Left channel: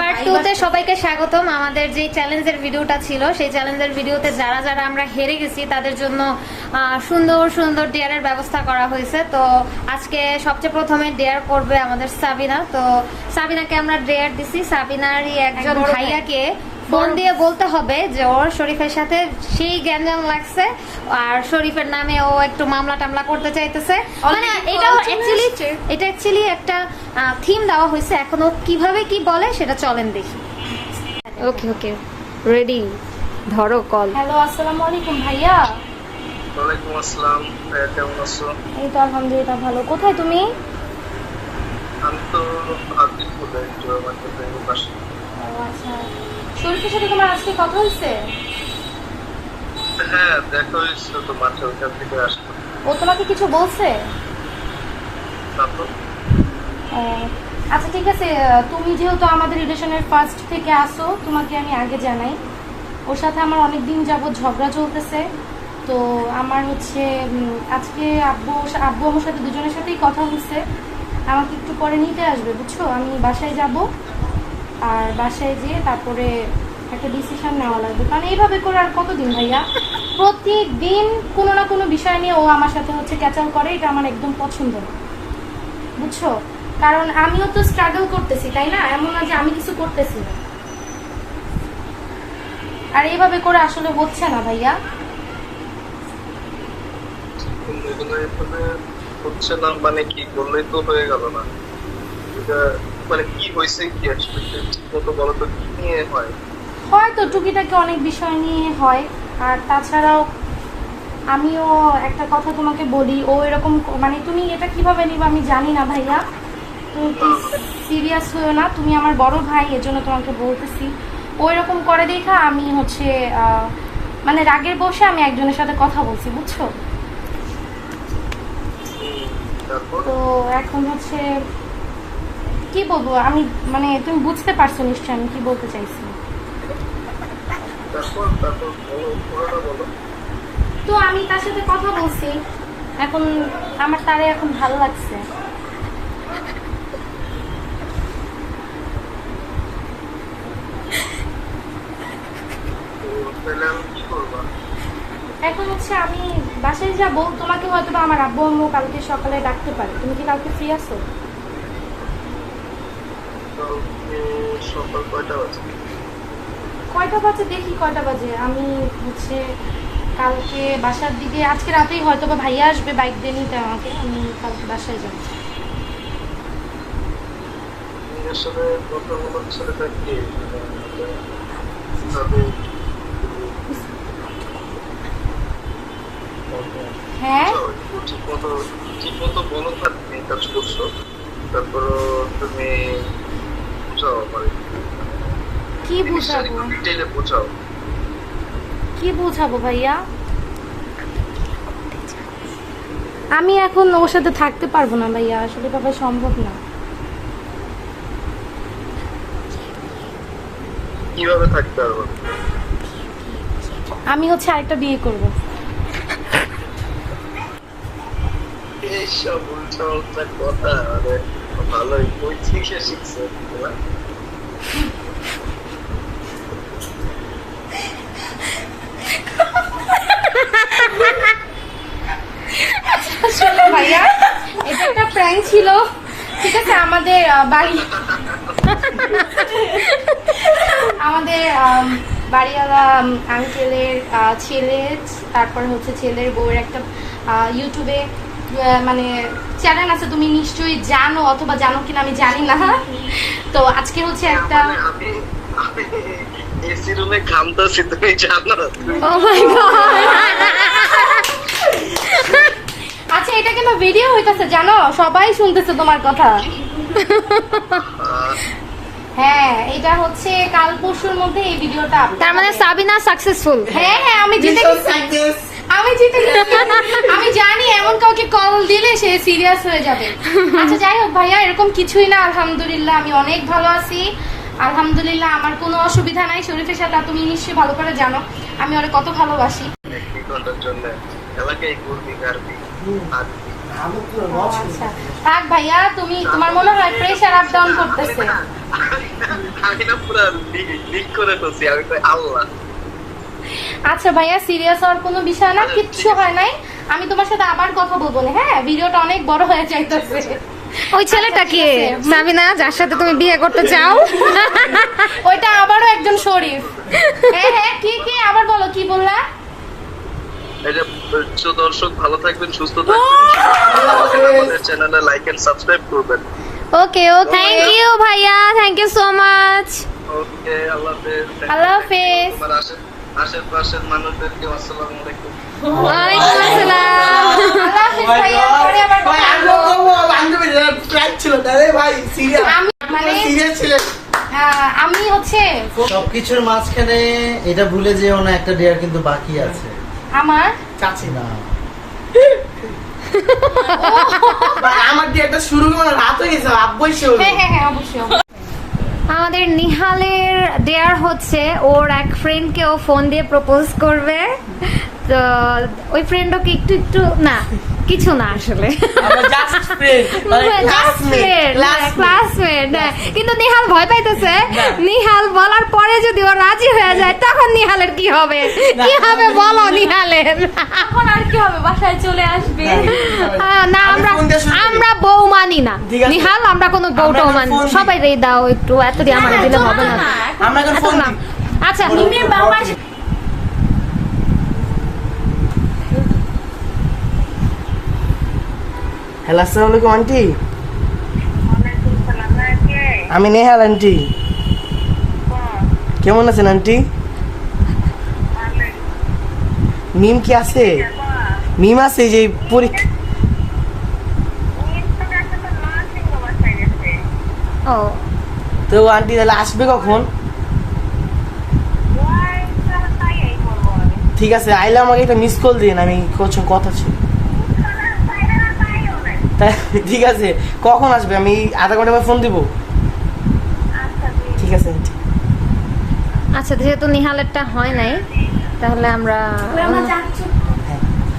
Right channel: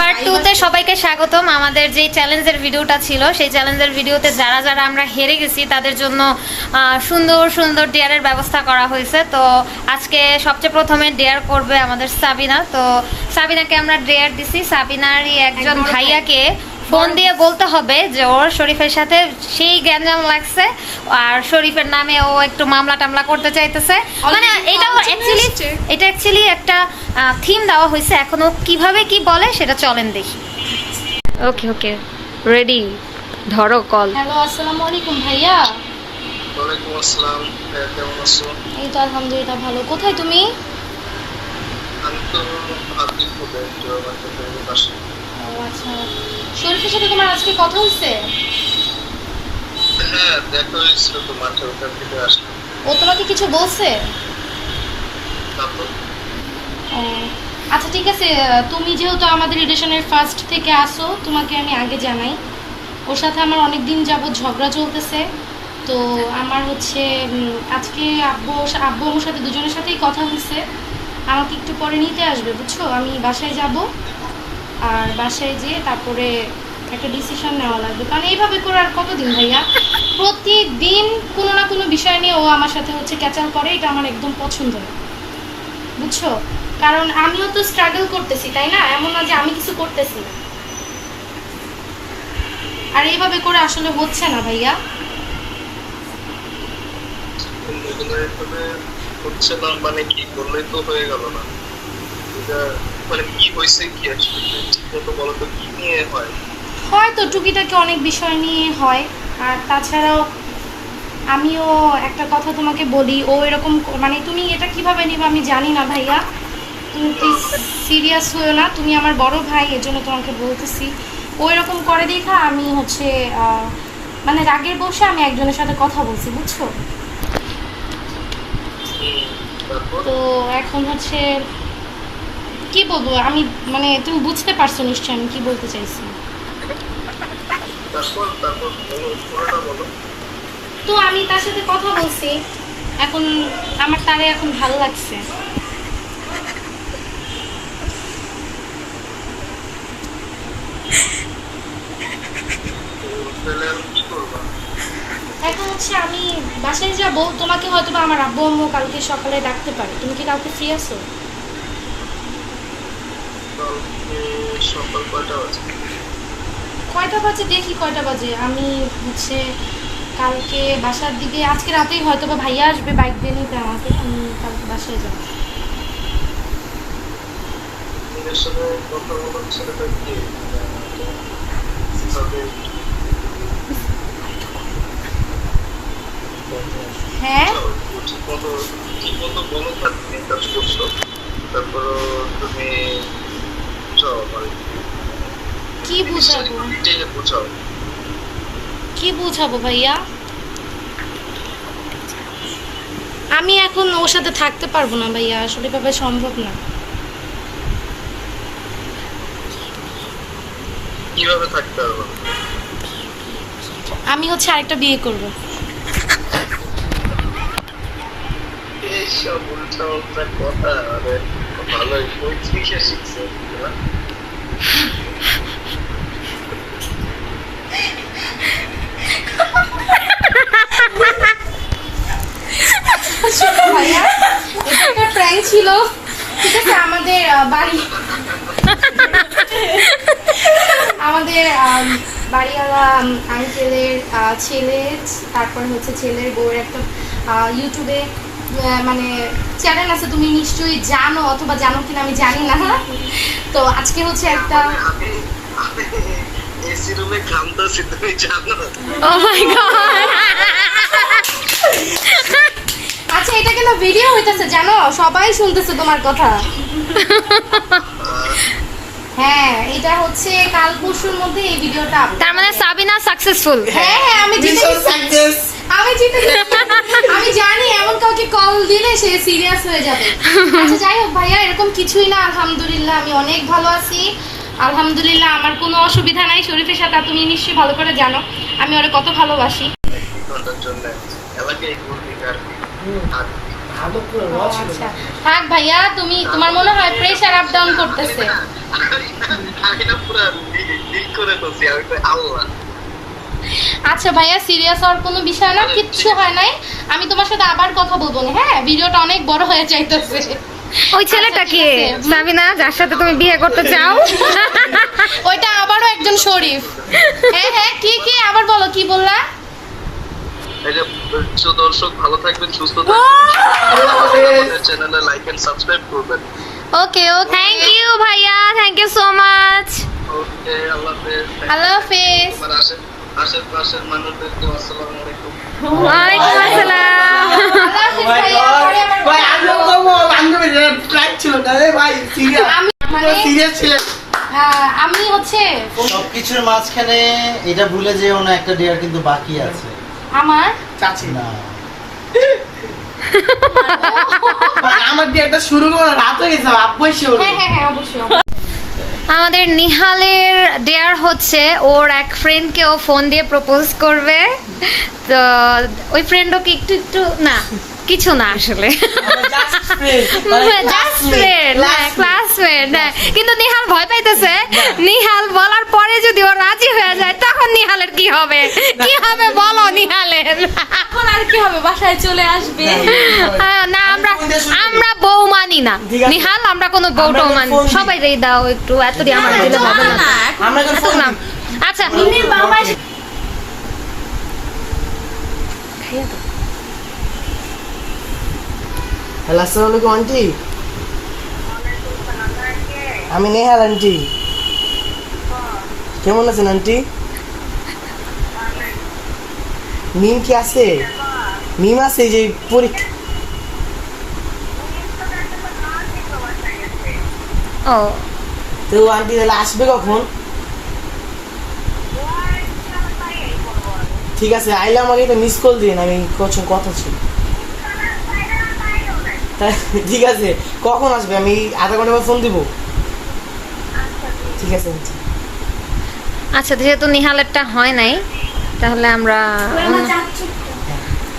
Part 2 তে সবাইকে স্বাগতম। আমাদের যে চ্যালেঞ্জের ভিডিওটা ছিল সেই চ্যালেঞ্জের ভিডিওতে যারা যারা আমরা হেরে গেছি তাদের জন্য সুন্দর সুন্দর ডেয়ারের ব্যবস্থা করা হয়েছে। তো আজকে সবচেয়ে প্রথমে ডেয়ার করবে আমাদের সাবিনা। তো সাবিনাকে আমরা ডেয়ার দিছি। সাবিনারই একজন ভাইয়াকে ফোন দিয়ে বলতে হবে যে ওর শরীফের সাথে সেই গ্যাঞ্জাম লাগছে আর শরীফের নামে ও একটু মামলা টামলা করতে চাইতেছে। মানে এটা অ্যাকচুয়ালি একটা থিম দেওয়া হয়েছে। এখন ও কিভাবে কি বলে সেটা চলেন দেখি। ওকে ওকে রেডি, ধরো কল। হ্যালো, আসসালামু আলাইকুম ভাইয়া। ওয়ালাইকুম আসসালাম। ভাইয়া কেমন আছো? এই তো আলহামদুলিল্লাহ ভালো। কোথায় তুমি? আমি তো হাতিপুরে একটু আমার ফ্রেন্ডের পাশে। ও আচ্ছা, শরীফের সাথে তোমার আজকে কথা হয়েছে? হ্যাঁ, দেখা হয়েছিল তো, মাঠে ওখান থেকে আসলাম। ও তোমাকে কিছু বলছে? তারপর ও আচ্ছা ঠিক আছে, তুমি যেহেতু আমাদের রিলেশনের ফার্স্ট থেকে আসো, তোমাকে আমি আগে জানাই। ওর সাথে আমার অনেক দিন যাবত ঝগড়া চলতেছে। তো আমার হচ্ছে আজকে আব্বু আমার সাথে দুজনের সাথেই কথা হয়েছে। আমাকে একটু পরে নিতে আসবে, বুঝছো? আমি বাসায় যাব, আর বাসায় যেয়ে তারপরে একটা ডিসিশন নেওয়া লাগবে। কারণ এইভাবে করে আর কতদিন ভাইয়া? প্রতিদিন কোনো না কোনো বিষয় নিয়ে ও আমার সাথে হচ্ছে ক্যাচাল করে, এটা আমার একদম পছন্দ না, বুঝছো? কারণ আমিও তো স্ট্রাগল করতেছি, তাই না? এমন না যে আমি কিছু করতেছি না। আর এইভাবে করে আসলে হচ্ছে না ভাইয়া। এভাবে হচ্ছে না মানে কি বললেই তো হয়ে গেল না। এটা মানে কি হয়েছে, কি আসলে ঠিক বলো তো, কি নিয়ে হয়? হয়তো টুকিটাকি অনেক বিষয় নিয়ে হয়। আর তাছাড়াও আমিও একটা কথা তোমাকে বলি, ও এরকম মানে তুমি এটা কিভাবে নিবা আমি জানি না ভাইয়া। তুমি প্লিজ সিরিয়াস হয়েও না, তুমি আমার বড় ভাই, এজন্য তোমাকে বলতেছি। ও এরকম করে দেখা আমি হচ্ছে মানে রাগের বসে আমি একজনের সাথে কথা বলছি, বুঝছো? তারপর তো এখন হচ্ছে কি বলবো আমি, মানে তুমি বুঝতে পারছো নিশ্চয় আমি কি বলতে চাইছি। তারপর তারপর বলো, পুরোটা বলো। তো আমি তার সাথে কথা বলছি, এখন আমার তারে এখন ভালো লাগছে। তাহলে আমি কি করবো? এখন হচ্ছে আমি বাসায় যাব, তোমাকে হয়তো বা আমার আব্বু আম্মু কালকে সকালে ডাকতে পারে। তুমি কি কালকে ফ্রি আছো? কালকে সকাল কয়টা বাজে? কয়টা বাজে দেখি, কয়টা বাজে আমি হচ্ছে কালকে বাসার দিকে, আজকে রাতেই হয়তো বা ভাইয়া আসবে বাইক দিয়ে নিতে আমাকে, আমি কালকে বাসায় যাবো। আসলে কথা বলার ছেলেটা কি কিভাবে হ্যাঁ ঠিক মতো বলো, তুমি কাজ করছো, তারপরও তুমি বুঝাও মানে কি বুঝাবো? ডিটেইলে বুঝাও। কি বুঝাবো ভাইয়া? আমি এখন ওর সাথে থাকতে পারবো না ভাইয়া, আসলে ভাবে সম্ভব না। কিভাবে থাকতে পারবো? আমি হচ্ছে আরেকটা বিয়ে করব। এইসব উল্টা উল্টা কথা, মানে ভালোই পঁয়ত্রিশে শিখছে না? ভাইয়া এটা একটা প্র্যাঙ্ক ছিল, ঠিক আছে? আমাদের বাড়িওয়ালা আঙ্কেলের ছেলে, তারপর হচ্ছে ছেলের বউয়ের একটা ইউটিউবে মানে চ্যানেল আছে, তুমি নিশ্চয়ই জানো, অথবা জানো কিনা আমি জানি না। তো আজকে হচ্ছে একটা এসি রুমে ঘামতেছি, তুমি জানো? ও মাই গড। আচ্ছা এটা কেন ভিডিও হইতেছে জানো? সবাই শুনতেছে তোমার কথা। হ্যাঁ এটা হচ্ছে কাল পরশুর মধ্যে এই ভিডিওটা। তার মানে সাবিনা সাকসেসফুল। হ্যাঁ হ্যাঁ আমি জিতে গেছি। আমি জানি এমন কাউকে কল দিলে সে সিরিয়াস হয়ে যাবে। আচ্ছা যাই হোক ভাইয়া, এরকম কিছুই না, আলহামদুলিল্লাহ আমি অনেক ভালো আছি। আলহামদুলিল্লাহ আমার কোনো অসুবিধা নাই শরীফের সাথে। তুমি নিশ্চয়ই ভালো করে জানো আমি ওরে কত ভালোবাসি। এক ঘন্টার জন্য এলাকায় ঘুরবি গাড়বি আর আচ্ছা থাক ভাইয়া, তুমি তোমার মনে হয় প্রেশার আপ ডাউন করতেছে। আমি না পুরো লিক করে ফেলছি, আমি তো আল্লাহ। আচ্ছা ভাইয়া, সিরিয়াস হওয়ার কোনো বিষয় না, কিচ্ছু হয় নাই। আমি তোমার সাথে আবার কথা বলবো না, হ্যাঁ? ভিডিওটা অনেক বড় হয়ে যাইতেছে। ওই ছেলেটা আচ্ছা, কি ঠিক আছে। সাবিনা, যার সাথে তুমি বিয়ে করতে চাও? ওইটা আবারও একজন শরীফ। হ্যাঁ হ্যাঁ, কি আবার বলো, কি বললা? এই যে দর্শক ভালো থাকবেন, সুস্থ থাকবেন, আমাদের চ্যানেলে লাইক এন্ড সাবস্ক্রাইব করবেন। ওকে ওকে, থ্যাংক ইউ ভাইয়া, থ্যাংক ইউ সো মাচ। ওকে, আল্লাহ হাফেজ। আল্লাহ হাফেজ। তোমার আশেপাশের মানুষদেরকে আসসালামু আলাইকুম। ওয়ালাইকুম আসসালাম। আল্লাহ হাফেজ ভাইয়া, পরে আবার ভাই কথা আমি বলবো। তো বান্ধবী ট্রাক ছিল না রে ভাই, সিরিয়াস আমি মানে সিরিয়াস ছিলেন। আমি হচ্ছে সবকিছুর মাঝখানে এটা ভুলে যেও না, একটা ডেয়ার কিন্তু বাকি আছে। আমার চাচি না, ভাই আমার দিয়ে একটা শুরু করে রাত হয়ে গেছে, আব্বুই শুরু। হ্যাঁ হ্যাঁ হ্যাঁ, অবশ্যই। আমাদের নিহালের ডেয়ার হচ্ছে ওর এক ফ্রেন্ডকে ও ফোন দিয়ে প্রপোজ করবে। তো ওই ফ্রেন্ডও কি একটু একটু না, কিছু না আসলে, just friend just friend, classmate. কিন্তু নিহাল ভয় পাইতেছে। নিহাল বলার পরে যদি ও রাজি হয়ে যায় তখন নিহালের কি হবে? কি হবে বলো নিহালের? এখন আর কি হবে, বাসায় চলে আসবে। না, আমরা কোনটা শুরু করি? আমরা বউ মানি না ঠিক আছে। নিহাল, আমরা কোনো বউটাও আমরা মানি। ফোন দিই। সবাই রেই দাও একটু, এত দিয়ে আমার দিলে হবে না। আমরা এখন ফোন না। আচ্ছা হ্যালো, আসসালামু আলাইকুম আন্টি। আমি নেহাল আন্টি। কেমন আছেন আন্টি? মিম কি আছে? মিম আছে, এই যে পরীক্ষা। ও তো আন্টি তাহলে আসবে কখন? ঠিক আছে, আইলে আমাকে একটা মিস কল দিন, আমি কিছু কথা ছিল। ঠিক আছে, কখন আসবে? আমি আধা ঘন্টা পর ফোন দিব। ঠিক আছে আন্টি। আচ্ছা, যেহেতু নিহালেরটা হয় নাই তাহলে আমরা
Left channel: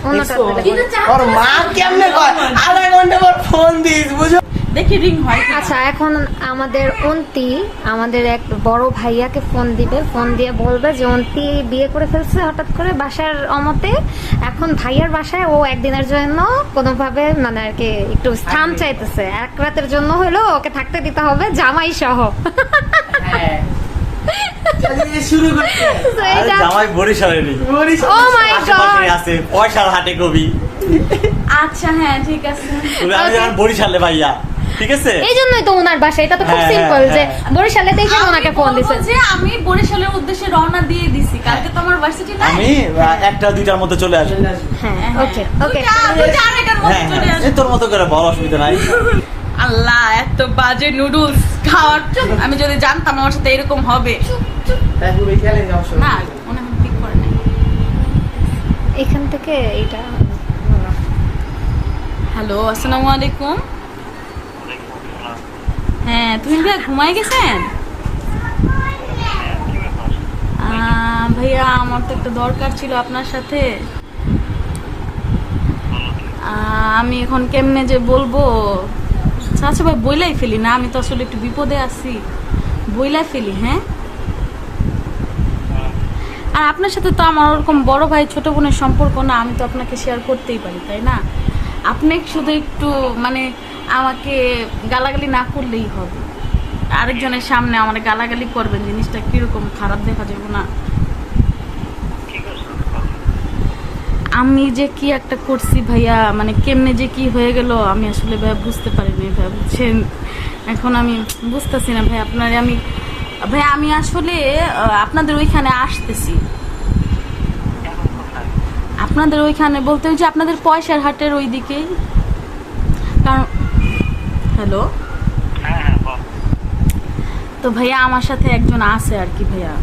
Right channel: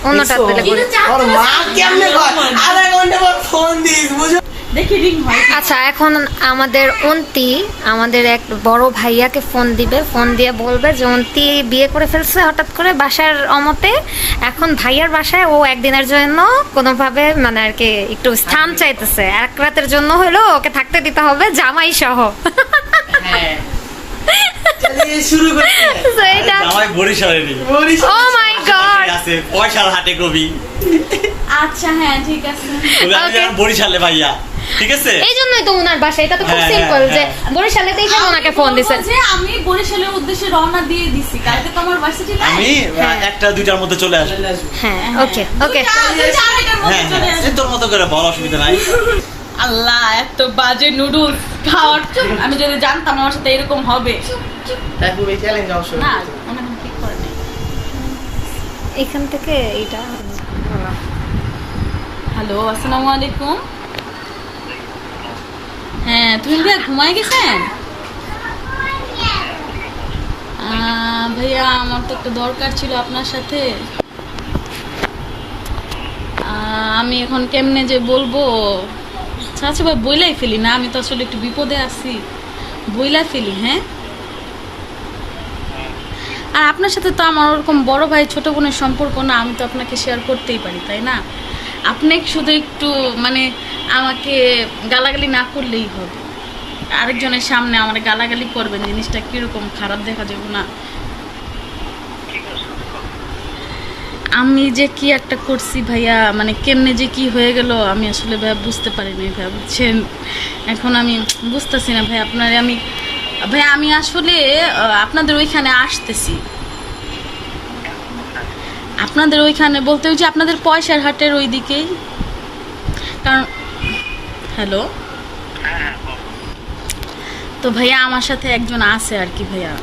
অন্যটা পেলে করি। ওর মা কেমনে কয় আধা ঘন্টা পর ফোন দিস, বুঝো? দেখি রিং হয় কি। আচ্ছা, এখন আমাদের অন্তি আমাদের এক বড় ভাইয়াকে ফোন দিবে, ফোন দিয়ে বলবে যে অন্তি বিয়ে করে ফেলছে হঠাৎ করে বাসার অমতে। এখন ভাইয়ার বাসায় ও একদিনের জন্য কোনোভাবে মানে আর কি একটু স্থান চাইতেছে, এক রাতের জন্য হলো ওকে থাকতে দিতে হবে জামাই সহ। তাহলে শুরু করতে So এটা জামাই বরিশালে নেই, ও মাই গড। আছে পয়সার হাটে কবি। আচ্ছা হ্যাঁ ঠিক আছে। তবে আমি Okay. এখন বরিশালে ভাইয়া, ঠিক আছে? এই জন্যই তো ওনার বাসা, এটা তো খুব হ্যাঁ, সিম্পল যে হ্যাঁ। বরিশালে তো এই জন্য ওনাকে ফোন আমি দিছে। বলবো যে আমি বরিশালের উদ্দেশ্যে রওনা দিয়ে দিছি, কালকে তো আমার ভার্সিটি নাই। আমি একটা দুইটার মধ্যে চলে আসবো। হ্যাঁ, ওকে ওকে। দুইটা আড়াইটার মধ্যে হ্যাঁ চলে হ্যাঁ, আসবো। এই তোর মতো করে বল, অসুবিধা নাই। আল্লাহ, এত বাজে নুডলস খাওয়ার, আমি যদি জানতাম আমার সাথে এরকম হবে। না, মনে হয় ঠিক করে নাই। এখান থেকে এইটা বলো। হ্যালো, আসসালামু আলাইকুম। হ্যাঁ, তুমি ভাইয়া ঘুমায় গেছেন? ভাইয়া আমার তো একটা দরকার ছিল আপনার সাথে। আমি এখন কেমনে যে বলবো, আচ্ছা ভাই বইলাই ফেলি না, আমি তো আসলে একটু বিপদে আছি, বইলাই ফেলি। হ্যাঁ, আর আপনার সাথে তো আমার ওরকম বড় ভাই ছোট বোনের সম্পর্ক না, আমি তো আপনাকে শেয়ার করতেই পারি, তাই না? আপনি শুধু একটু মানে আমাকে গালাগালি না করলেই হবে, আরেকজনের সামনে আমার গালাগালি করবেন, জিনিসটা কিরকম খারাপ দেখা যাবে না। আমি যে কি একটা করছি ভাইয়া, মানে কেমনে যে কি হয়ে গেল আমি আসলে ভাইয়া বুঝতে পারিনি ভাইয়া, বুঝছেন? এখন আমি বুঝতেছি না ভাই আপনারে আমি ভাইয়া, আমি আসলে আপনাদের ওইখানে আসতেছি। আপনাদের ওইখানে বলতে ওই যে আপনাদের পয়সার হাটের ওই দিকেই, কারণ হ্যালো, তো ভাইয়া আমার সাথে একজন আছে আর কি ভাইয়া,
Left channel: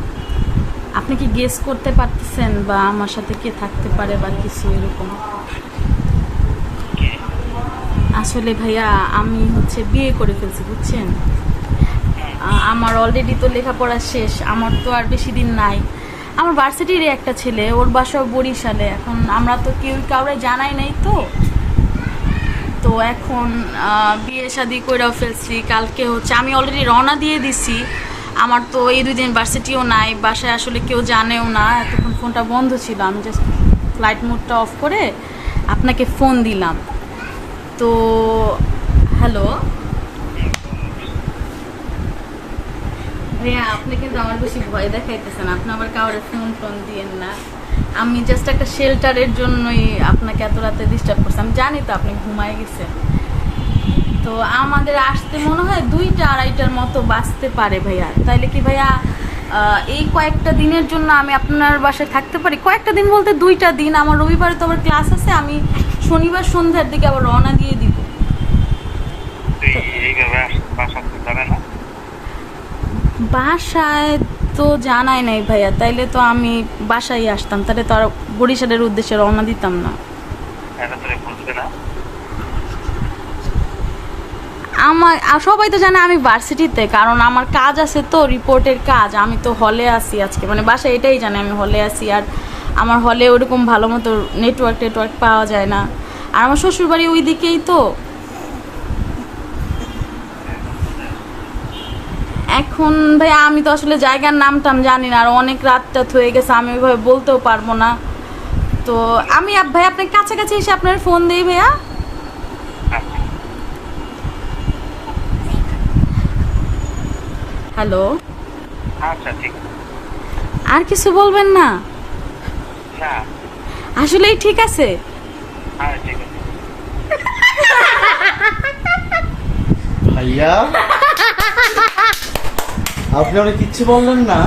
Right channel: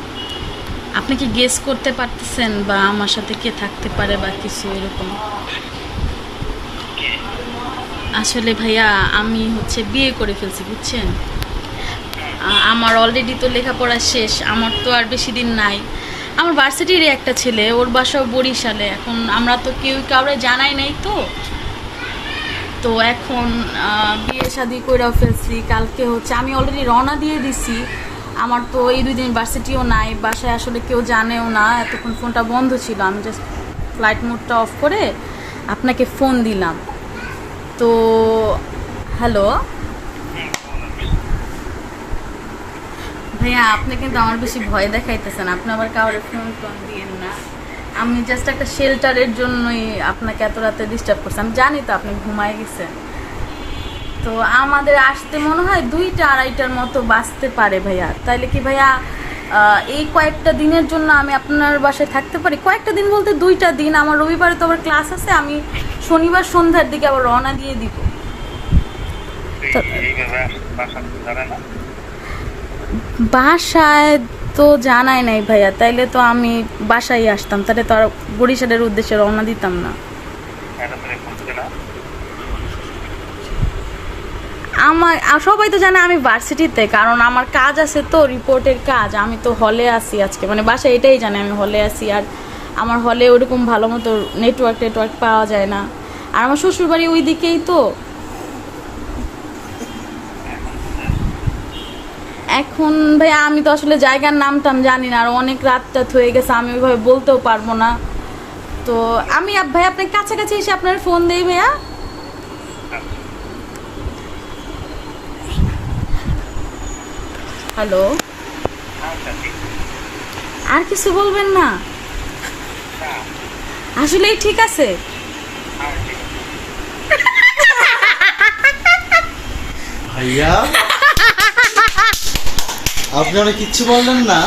আপনি কি গেস করতে পারতেছেন বা আমার সাথে কে থাকতে পারে বা কিছু এরকম? আসলে ভাইয়া আমি হচ্ছে বিয়ে করে ফেলছি, বুঝছেন? আমার অলরেডি তো লেখাপড়া শেষ, আমার তো আর বেশি দিন নাই। আমার ভার্সিটিরই একটা ছেলে, ওর বাসাও বরিশালে। এখন আমরা তো কেউ কাউরে জানাই নাই, তো এখন বিয়ে শাদি কইরাও ফেলছি। কালকে হচ্ছে আমি অলরেডি রওনা দিয়ে দিছি, আমার তো এই 2 দিন ভার্সিটিও নাই, বাসায় আসলে কেউ জানেও না, এতক্ষণ ফোনটা বন্ধ ছিল, আমি জাস্ট ফ্লাইট মোডটা অফ করে আপনাকে ফোন দিলাম। তো হ্যালো ভাইয়া, আপনি কিন্তু আমার বেশি ভয় দেখাইতেছেন, আপনি আবার কাউরে ফোন দিয়েন না। আমি জাস্ট একটা শেল্টারের জন্যই আপনাকে এত রাতে ডিস্টার্ব করছি, আমি জানি তো আপনি ঘুমায় গেছেন। তো আমাদের আসতে মনে হয় 2টা-2:30টার মতো বাঁচতে পারে ভাইয়া। তাইলে কি ভাইয়া এই কয়েকটা দিনের জন্য আমি আপনার বাসায় থাকতে পারি? কয়েকটা দিন বলতে 2টা দিন, আমার রবিবারে তো আবার ক্লাস আছে, আমি শনিবার সন্ধ্যার দিকে আবার রওনা দিয়ে দিব। বাসায় তো জানাই নাই ভাইয়া, তাইলে তো আমি বাসায় আসতাম, তাহলে তো আর বরিশালের উদ্দেশ্যে রওনা দিতাম না। আমার সবাই তো জানে আমি ভার্সিটিতে, কারণ আমার কাজ আছে তো, রিপোর্টের কাজ। আমি তো হলে আসি আজকে, মানে বাসায় এটাই জানে আমি হলে আসি, আর আমার হলে ওরকম ভালো মতো নেটওয়ার্ক পাওয়া যায় না, আর আমার শ্বশুরবাড়ি ওই দিকেই তো। এখন ভাইয়া আমি তো আসলে জায়গার নাম জানি না, আর অনেক রাতটা হয়ে গেছে, আমি ওইভাবে বলতেও পারবো না। তো আমি ভাই আপনার কাছাকাছি এসে আপনার ফোন দিই ভাইয়া। হ্যালো, আর কিছু বলবেন না? আসলেই ঠিক আছে। ভাইয়া আপনি অনেক কিচ্ছু বললেন না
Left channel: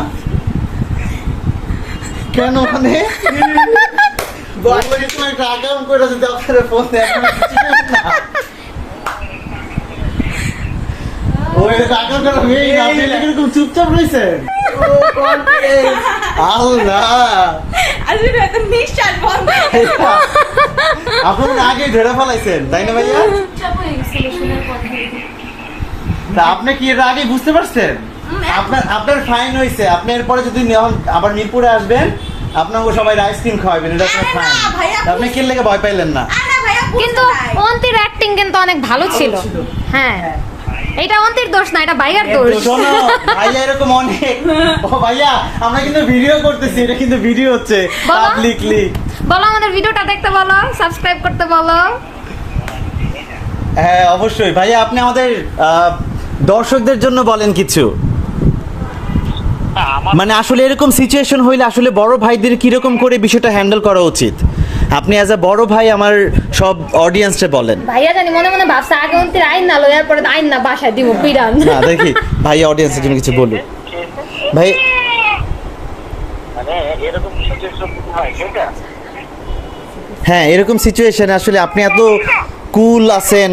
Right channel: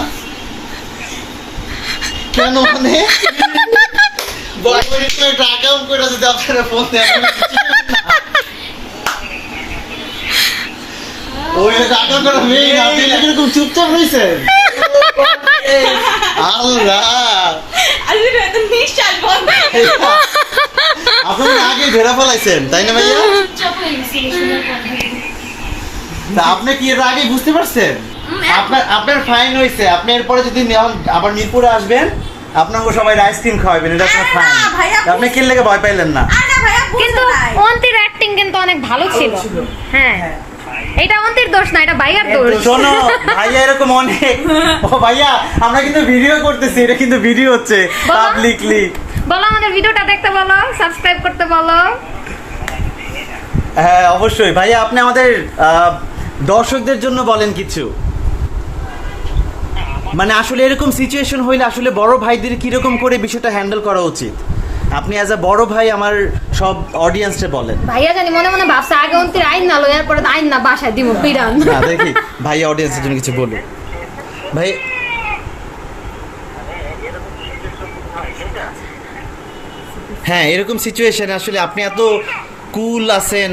কেন? মানে একটা আগাম করে যদি আপনারা ফোন দেন, ওই টাকা করে মেয়ে আপনি এরকম চুপচাপ রয়েছেন। আপনারা আগে ধরে ফেলাইছেন তাই না ভাইয়া? তা আপনি কি এর আগে বুঝতে পারছেন? আপনার ফাইন হয়েছে, আপনি এরপরে যদি আবার মিরপুরে আসবেন, আপনাকে সবাই আইসক্রিম খাওয়াবেন, এটা আপনার ফাইন। আপনি কি লেগে ভয় পাইলেন না? কিন্তু অন্তির অ্যাক্টিং কিন্তু অনেক ভালো ছিল। হ্যাঁ, এটা অন্তির দোষ না, এটা ভাইয়ার দোষ। শোনো ভাইয়া, এরকম অনেক, ও ভাইয়া আমরা কিন্তু ভিডিও করতেছি, এটা কিন্তু ভিডিও হচ্ছে পাবলিকলি। বলো আমাদের ভিডিওটা দেখতে বলো, সাবস্ক্রাইব করতে বলো। হ্যাঁ অবশ্যই ভাইয়া, আপনি আমাদের দর্শকদের জন্য বলেন কিছু। মানে আসলে এরকম সিচুয়েশন হইলে আসলে বড় ভাইদের কিরকম করে বিষয়টা হ্যান্ডেল করা উচিত, আপনি অ্যাজ আ বড় ভাই আমার সব অডিয়েন্সে বলেন। ভাইয়া জানি মনে মনে ভাবছে আগে অন্তির আইন না লো, এরপরে আইন না বাসায় দিব পিরান। না দেখি ভাইয়া অডিয়েন্সের জন্য কিছু বলুন ভাই। হ্যাঁ এরকম সিচুয়েশনে আসলে আপনি এত কুল আছেন,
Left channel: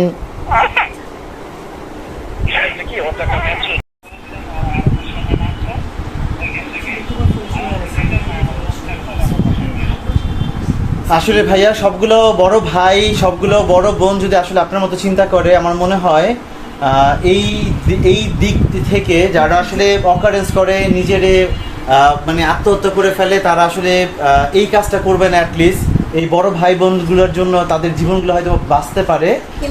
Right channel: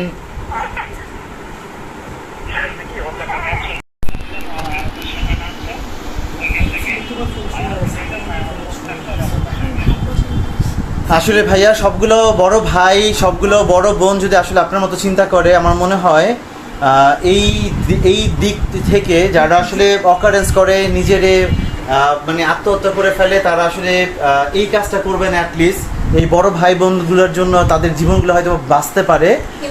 আসলে ভাইয়া সবগুলো বড় ভাই সবগুলো বড় বোন যদি আসলে আপনার মতো চিন্তা করে, আমার মনে হয় এই দিক থেকে যারা আসলে অকারেন্স করে নিজেরে মানে আত্মহত্যা করে ফেলে, তারা আসলে এই কাজটা করবে না। অ্যাটলিস্ট এই বড় ভাই বোনগুলোর জন্য তাদের জীবনগুলো হয়তো বাঁচতে পারে,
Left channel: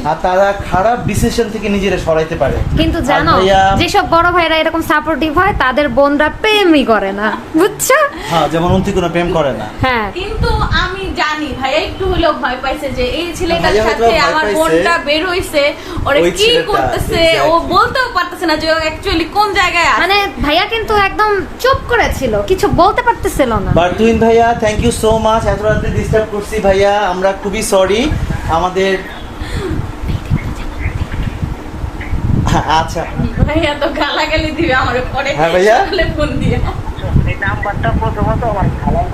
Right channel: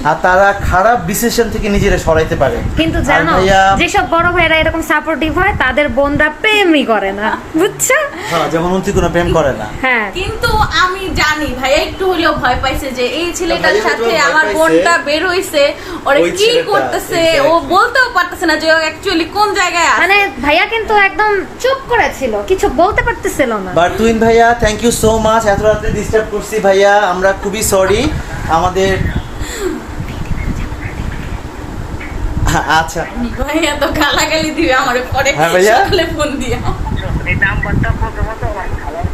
আর তারা খারাপ ডিসিশন থেকে নিজেরা সরাইতে পারে। কিন্তু জানো যেসব বড় ভাইরা এরকম সাপোর্টিভ হয়, তাদের বোনরা প্রেমই করে না, বুঝছো? হ্যাঁ, যেমন অন্তি কোনো প্রেম করে না। হ্যাঁ, কিন্তু আমি জানি ভাইয়া একটু হলেও ভয় পাইছে যে এই ছেলেটার ভাইয়া সাথে হয়তো আমার ভয় বোনটা পাইছে। বের হইছে, ওরা ওই কি ছেলেটা, করতেছে ও exactly. বলতেও পারতেছে না যে ও অ্যাকচুয়ালি কোন জায়গায় আছে। মানে ভাইয়া কিন্তু একদম চুপ করেছিল, কিছু বলতে পারতেছিল না। বাট তুইন ভাইয়া থ্যাংক ইউ সো মাচ, এত রাতে ডিস্টার্ব করছি ভাইয়া, আমরা খুবই সরি। আমাদের আচ্ছা ভাইয়া তো গালাগালি দিবে আমার পরে, হ্যাঁ ভাইয়া। সকালে ফোন দিয়ে। এই নাম্বারটা প্রথমত আমার খালার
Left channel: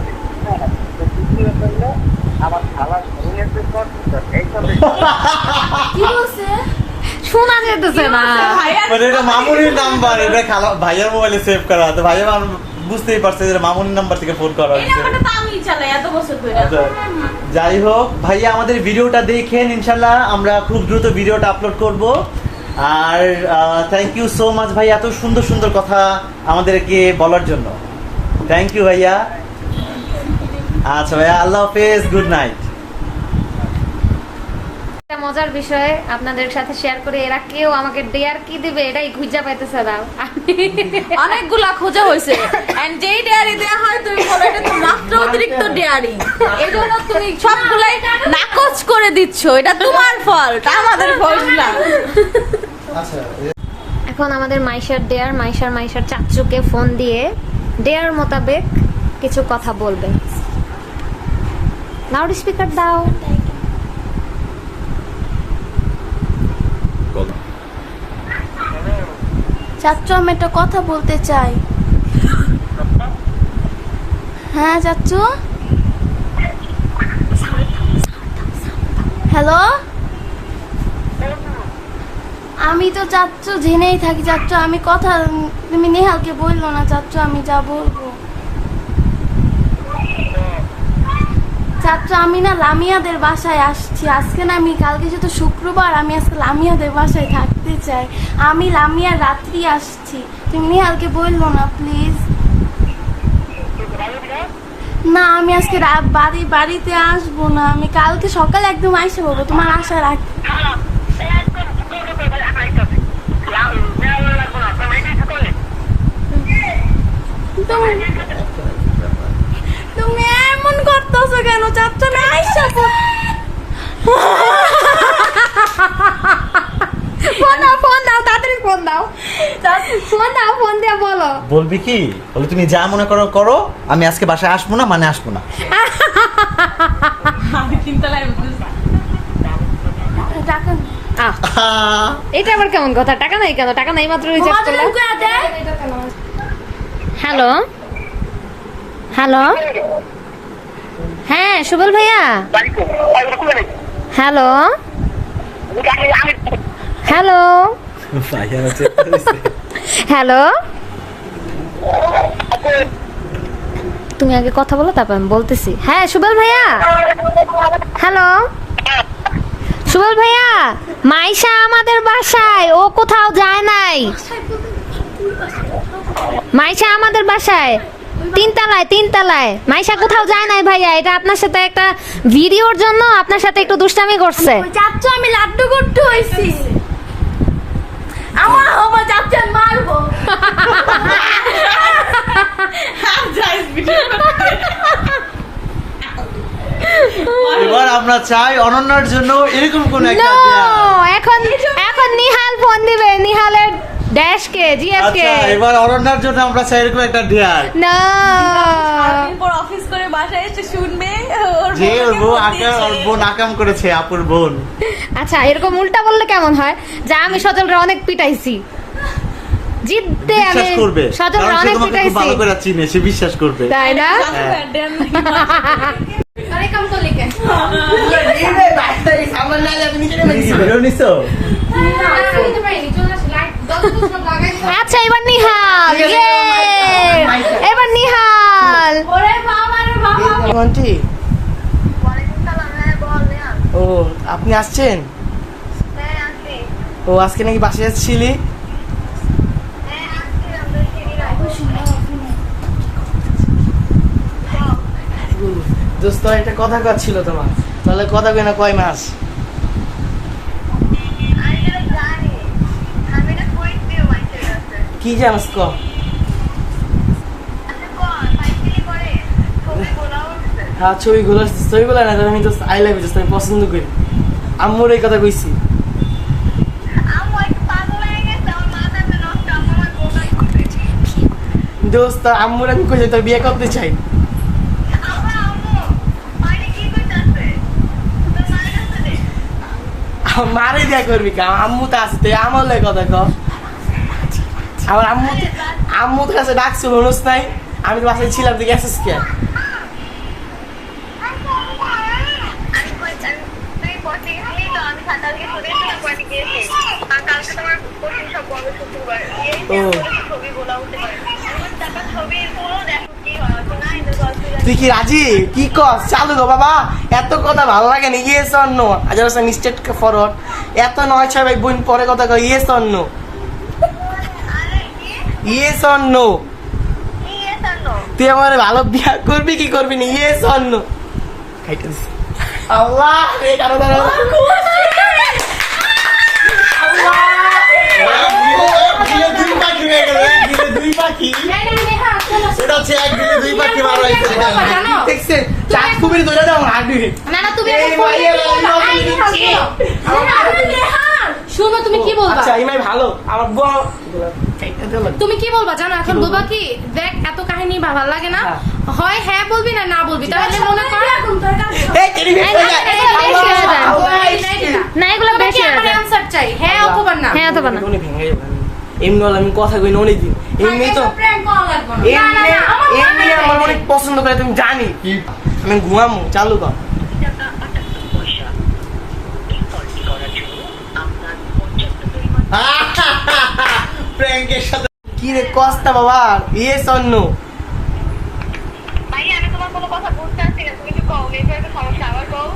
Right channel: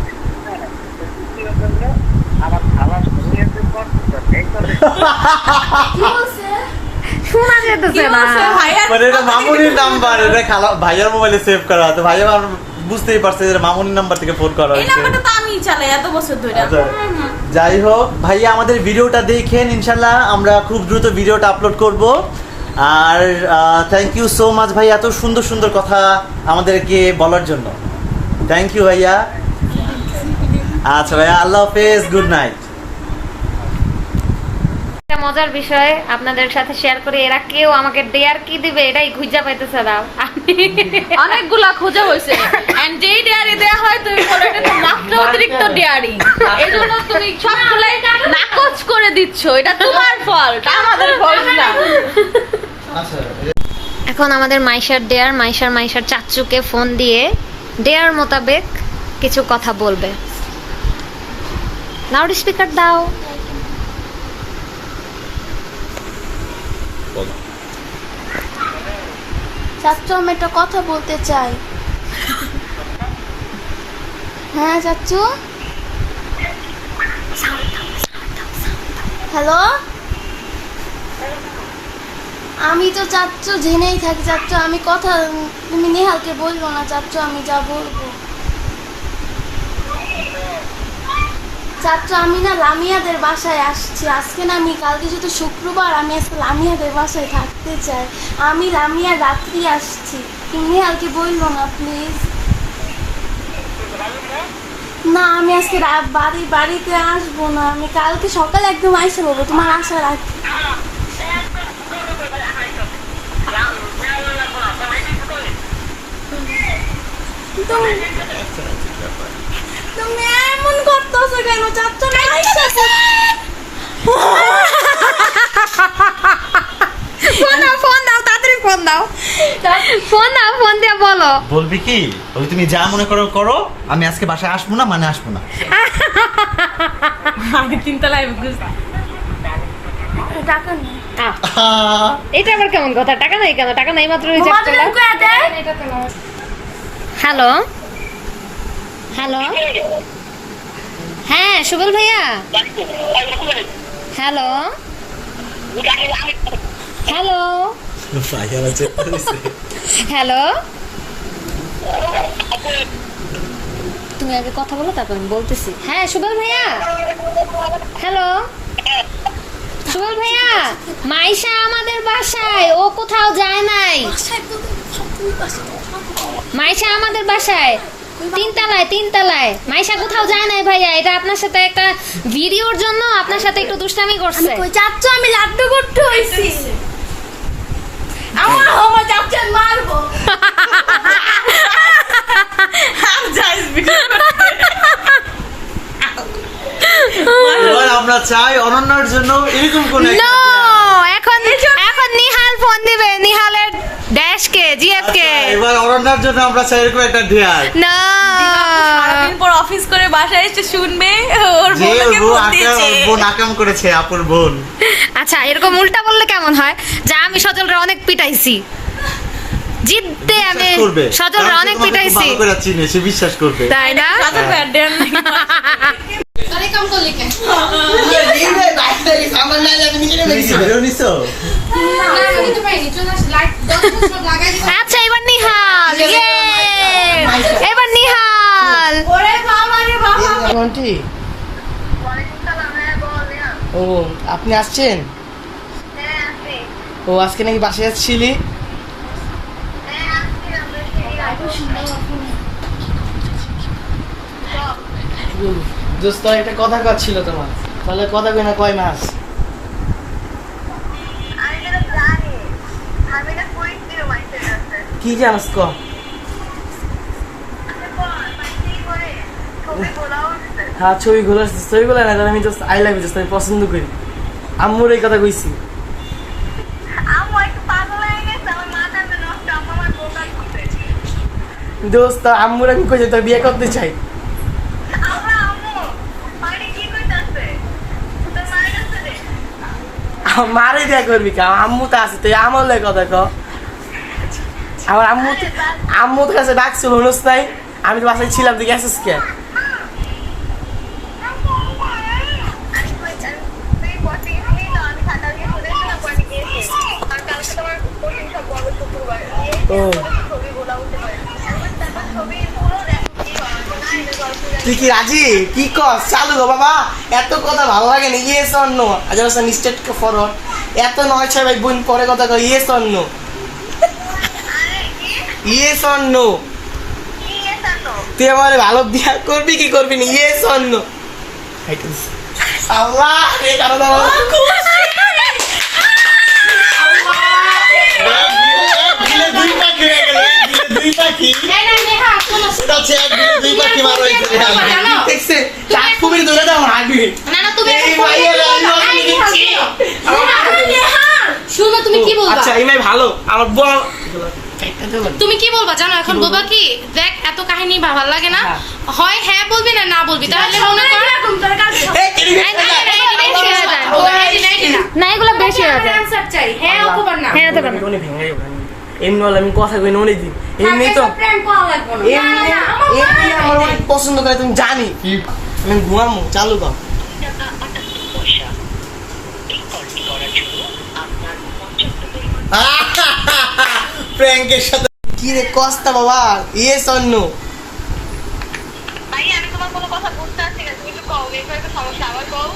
আমার খালার শুনিয়েছে এই করে শোনা যেতেছে না। মানে এটা মামুনির নাম্বার, এটা খালা ভাইয়ার মোবাইলে সেভ করা, তো ভাইয়া বুঝতেই পারছে যে মামুনির নাম্বার থেকে ফোন করা এই হয়েছে। নাম্বারটা তো আমিই চালাই এত বছর ধরে। আচ্ছা, যাই হোক ভাইয়া আমাদের ভিডিওটা দেখেন, ইনশাল্লাহ আমরা খুব দ্রুত ভিডিওটা আপলোড করব। আর থ্যাংক ইউ সো মাচ ভাই, এত সুন্দর সুন্দর কথা আমাদেরকে বলার জন্য। থ্যাংক ইউ ভাইয়া। আচ্ছা ভাইয়া, আল্লাহ হাফেজ, গুড নাইট। একটা মজার বিষয় আপনাদের সাথে শেয়ার করি, এরা কেউ আমাকে ডেয়ার কি দিবে এটাই খুঁজে পাইতেছে না। অনেকগুলা খোঁজা হয়েছে এন্ড যেই ডেয়ারি দেয়া হয় তুমি বলো এটা তো মাত্র অতিরিক্ত ডেয়ারি, এই জন্য তুমি সবগুলাই নাকচ করে দিচ্ছ। এটা তোমার ফল্ট, আমাদের ফল্ট না। আচ্ছা এখন আমাদের মাইশার চাচুকে ফোন দিয়ে ডেয়ার মোতাবেক কিছু কথা বলবে। লাউড স্পিকার দাও। চাচ্চু আমি একটা কথা বলতে চাই। হ্যাঁ চাচ্চু, হ্যালো, আমি তো চাচ্চু জেনেই থাকি চাচ্চু, আমি কথা তুমি নেহালকে বললো না চাচ্চু, আমি যা বলবো। চাচ্চু আমি না লামিয়াদের বাসায় আসছি আজকে, না আমি কালকে যেহেতু শুক্রবার, আমি আজকে লামিয়াদের বাসায় থাকতে চাই। আমি লামিয়ার রাত্রি আসছি, তুমি নেহালকে বললো না প্লিজ। না আমি আজকে বাড়িতে আসবো না, আমি কালকে সকালে একদম আইসা বলবো, তোমার আশা রাখি। তুমি এমন করতেছো কেন চাচ্চু? আমি আইসা ফোন দাও তাড়াতাড়ি, ফোন দাও, ফোন দিয়ে বলো। বলবি কি, ওই তুমি যা মনে করো করো, আমি আজকে বাসায় আসবো না, মানে আসবো না। টাকা নেই। এটা আবার কেমন কথা? টাকা নাই কেন? টাকা নাই মাত্র রিজেক্ট করলাম। হ্যালো হ্যালো, হ্যাঁ সুবল ভাইয়া, হ্যালো হ্যালো হ্যালো, তুমি আগে কথা বলো তারপর আমি বলতেছি। হ্যাঁ সুবল ভাইয়া, হ্যালো সুবল ভাইয়া, মাইশা আমাদের বাসায়, ও কোথাও যায় নাই। মাইশা আমাদের বাসায় তিনতলায়, মাইশা কোথাও যায় নাই ভাইয়া। এটা আপনার সাথে একটা ভিডিওর জন্য আপনার সাথে একটু দুষ্টামি করছে। চাচ্চু আমি লাড্ডু করতে হইছি, আমার চাচ্চু মারবো। এবার আমরা চাই অনন্যার জন্য এরকম কোন নো, এখন নিহাল ফোন দিবে, নিহালের ড্যাশকে, জিএফকে। এবার অনন্যার জন্য আমরা চাই এরকম একটা ঢেয়ার, না পর অফিস করে বাসায় এসে শুনবে ওর যে বোনকে ও ফোন দিয়েছে। বোন আকাম করেছে, আপুর বোন। আচ্ছা এরকম উল্টা বললে কেমন হয়? যা আমি সজলরে অনেক পিটাইছি, জিদ্দে আমি বিশ্বাস করবে, সজলরে কারণ সে অনেক তোমাকে খুব পিটাইছি, ভালো করে চিনে, সে বিশ্বাস করবে। তাই না? ভিডিও নিছো? আচ্ছা এবার নিহাল, ইয়ে এবার নিহাল। আন্টি, ও আপনি আসছেন? ও আজকে নাকি বাসায় আসছিলি? দোস্ত একটা কথা ছিল তোমার, তাহলে কথা কই না কয় মাস? কি জানাস ক? হ্যাঁ ছবিগুলো না, আমি জাস্ট আই লাভ ইউ, আমি পছন্দ করি। আম্মুর এই কথা কইছি। দোস্ত আম্মুর আমি কইছি তোর বিয়ে করতে চাই। মারে বিয়ে করবি কা? আম্মু তো আছে, তুই আমার লাগে কথা ক। আমার আম্মু তো কাছে ডাকছিল, হনুস নাই? আমি তো বাসায় ছিলাম, তুই গেছিস কে? তুই কি রাজি? কি কস? চালু গো বাবা, এত কথা ভালো লাগে না। Yes or no? আজ স্টেট ফরওয়ার্ড, এত 9-6 ভাই বোন পরে কথা কয়। Yes or no? Yes or no? তুই আমার ভালো বিয়া করবি কি করবি না? Yes or no? আল্লাহ রে, দাঁড়া দাঁড়া, দিলে দুই পাখি হয়ে গেল, এক দিলে দুই পাখি। না, না, নেহা, শোনো, এটা হচ্ছে এক দিলে দুই পাখি মারা হয়েছে রেহান। জানো? দেখছে চাঁদ কুমির ধরে দাও হাঁটবি না, না, তুমি এই এখন ফোন ভাইয়ের দিয়ে বলবা, আমি এই নেহা, দিচ্ছি। শোনো। নেহা, শোনো, তুমি কি বলবা? আচ্ছা এই মেয়ে ভালো আমার বল চাইটা দাও না। তুমি কি বলবা জানো? এখন কি বলবো? বলবা কি, দেখ এত কাহিনী ভালো লাগে না, হ্যাঁ। হয় হ্যাঁ বলবি না না বলবি, তাহলে মনে কর এই কেড়ে এই, এই, এই, এই, বেশি হয়ে যায়। না এগুলো বেশি হয়ে যায়। আনসার চাই, হ্যাঁ অথবা না। হ্যাঁ অথবা না। এমনি হলে আমি কথা কই না অনেক দিন এমনি তো প্র্যাঙ্ক করা লাগবে না। এমনি এমনি আমার অনেক পছন্দ করে তুমি জানি আমি ঘুমামু চালু কর প্র্যাঙ্কের সাথে কি রে কস্তা বাবা ইয়েস অর নো আমি তোমার কোনো কথা বুঝতে পারছি না, তুমি একটু কও, নেটওয়ার্কের সমস্যা, আবার কও।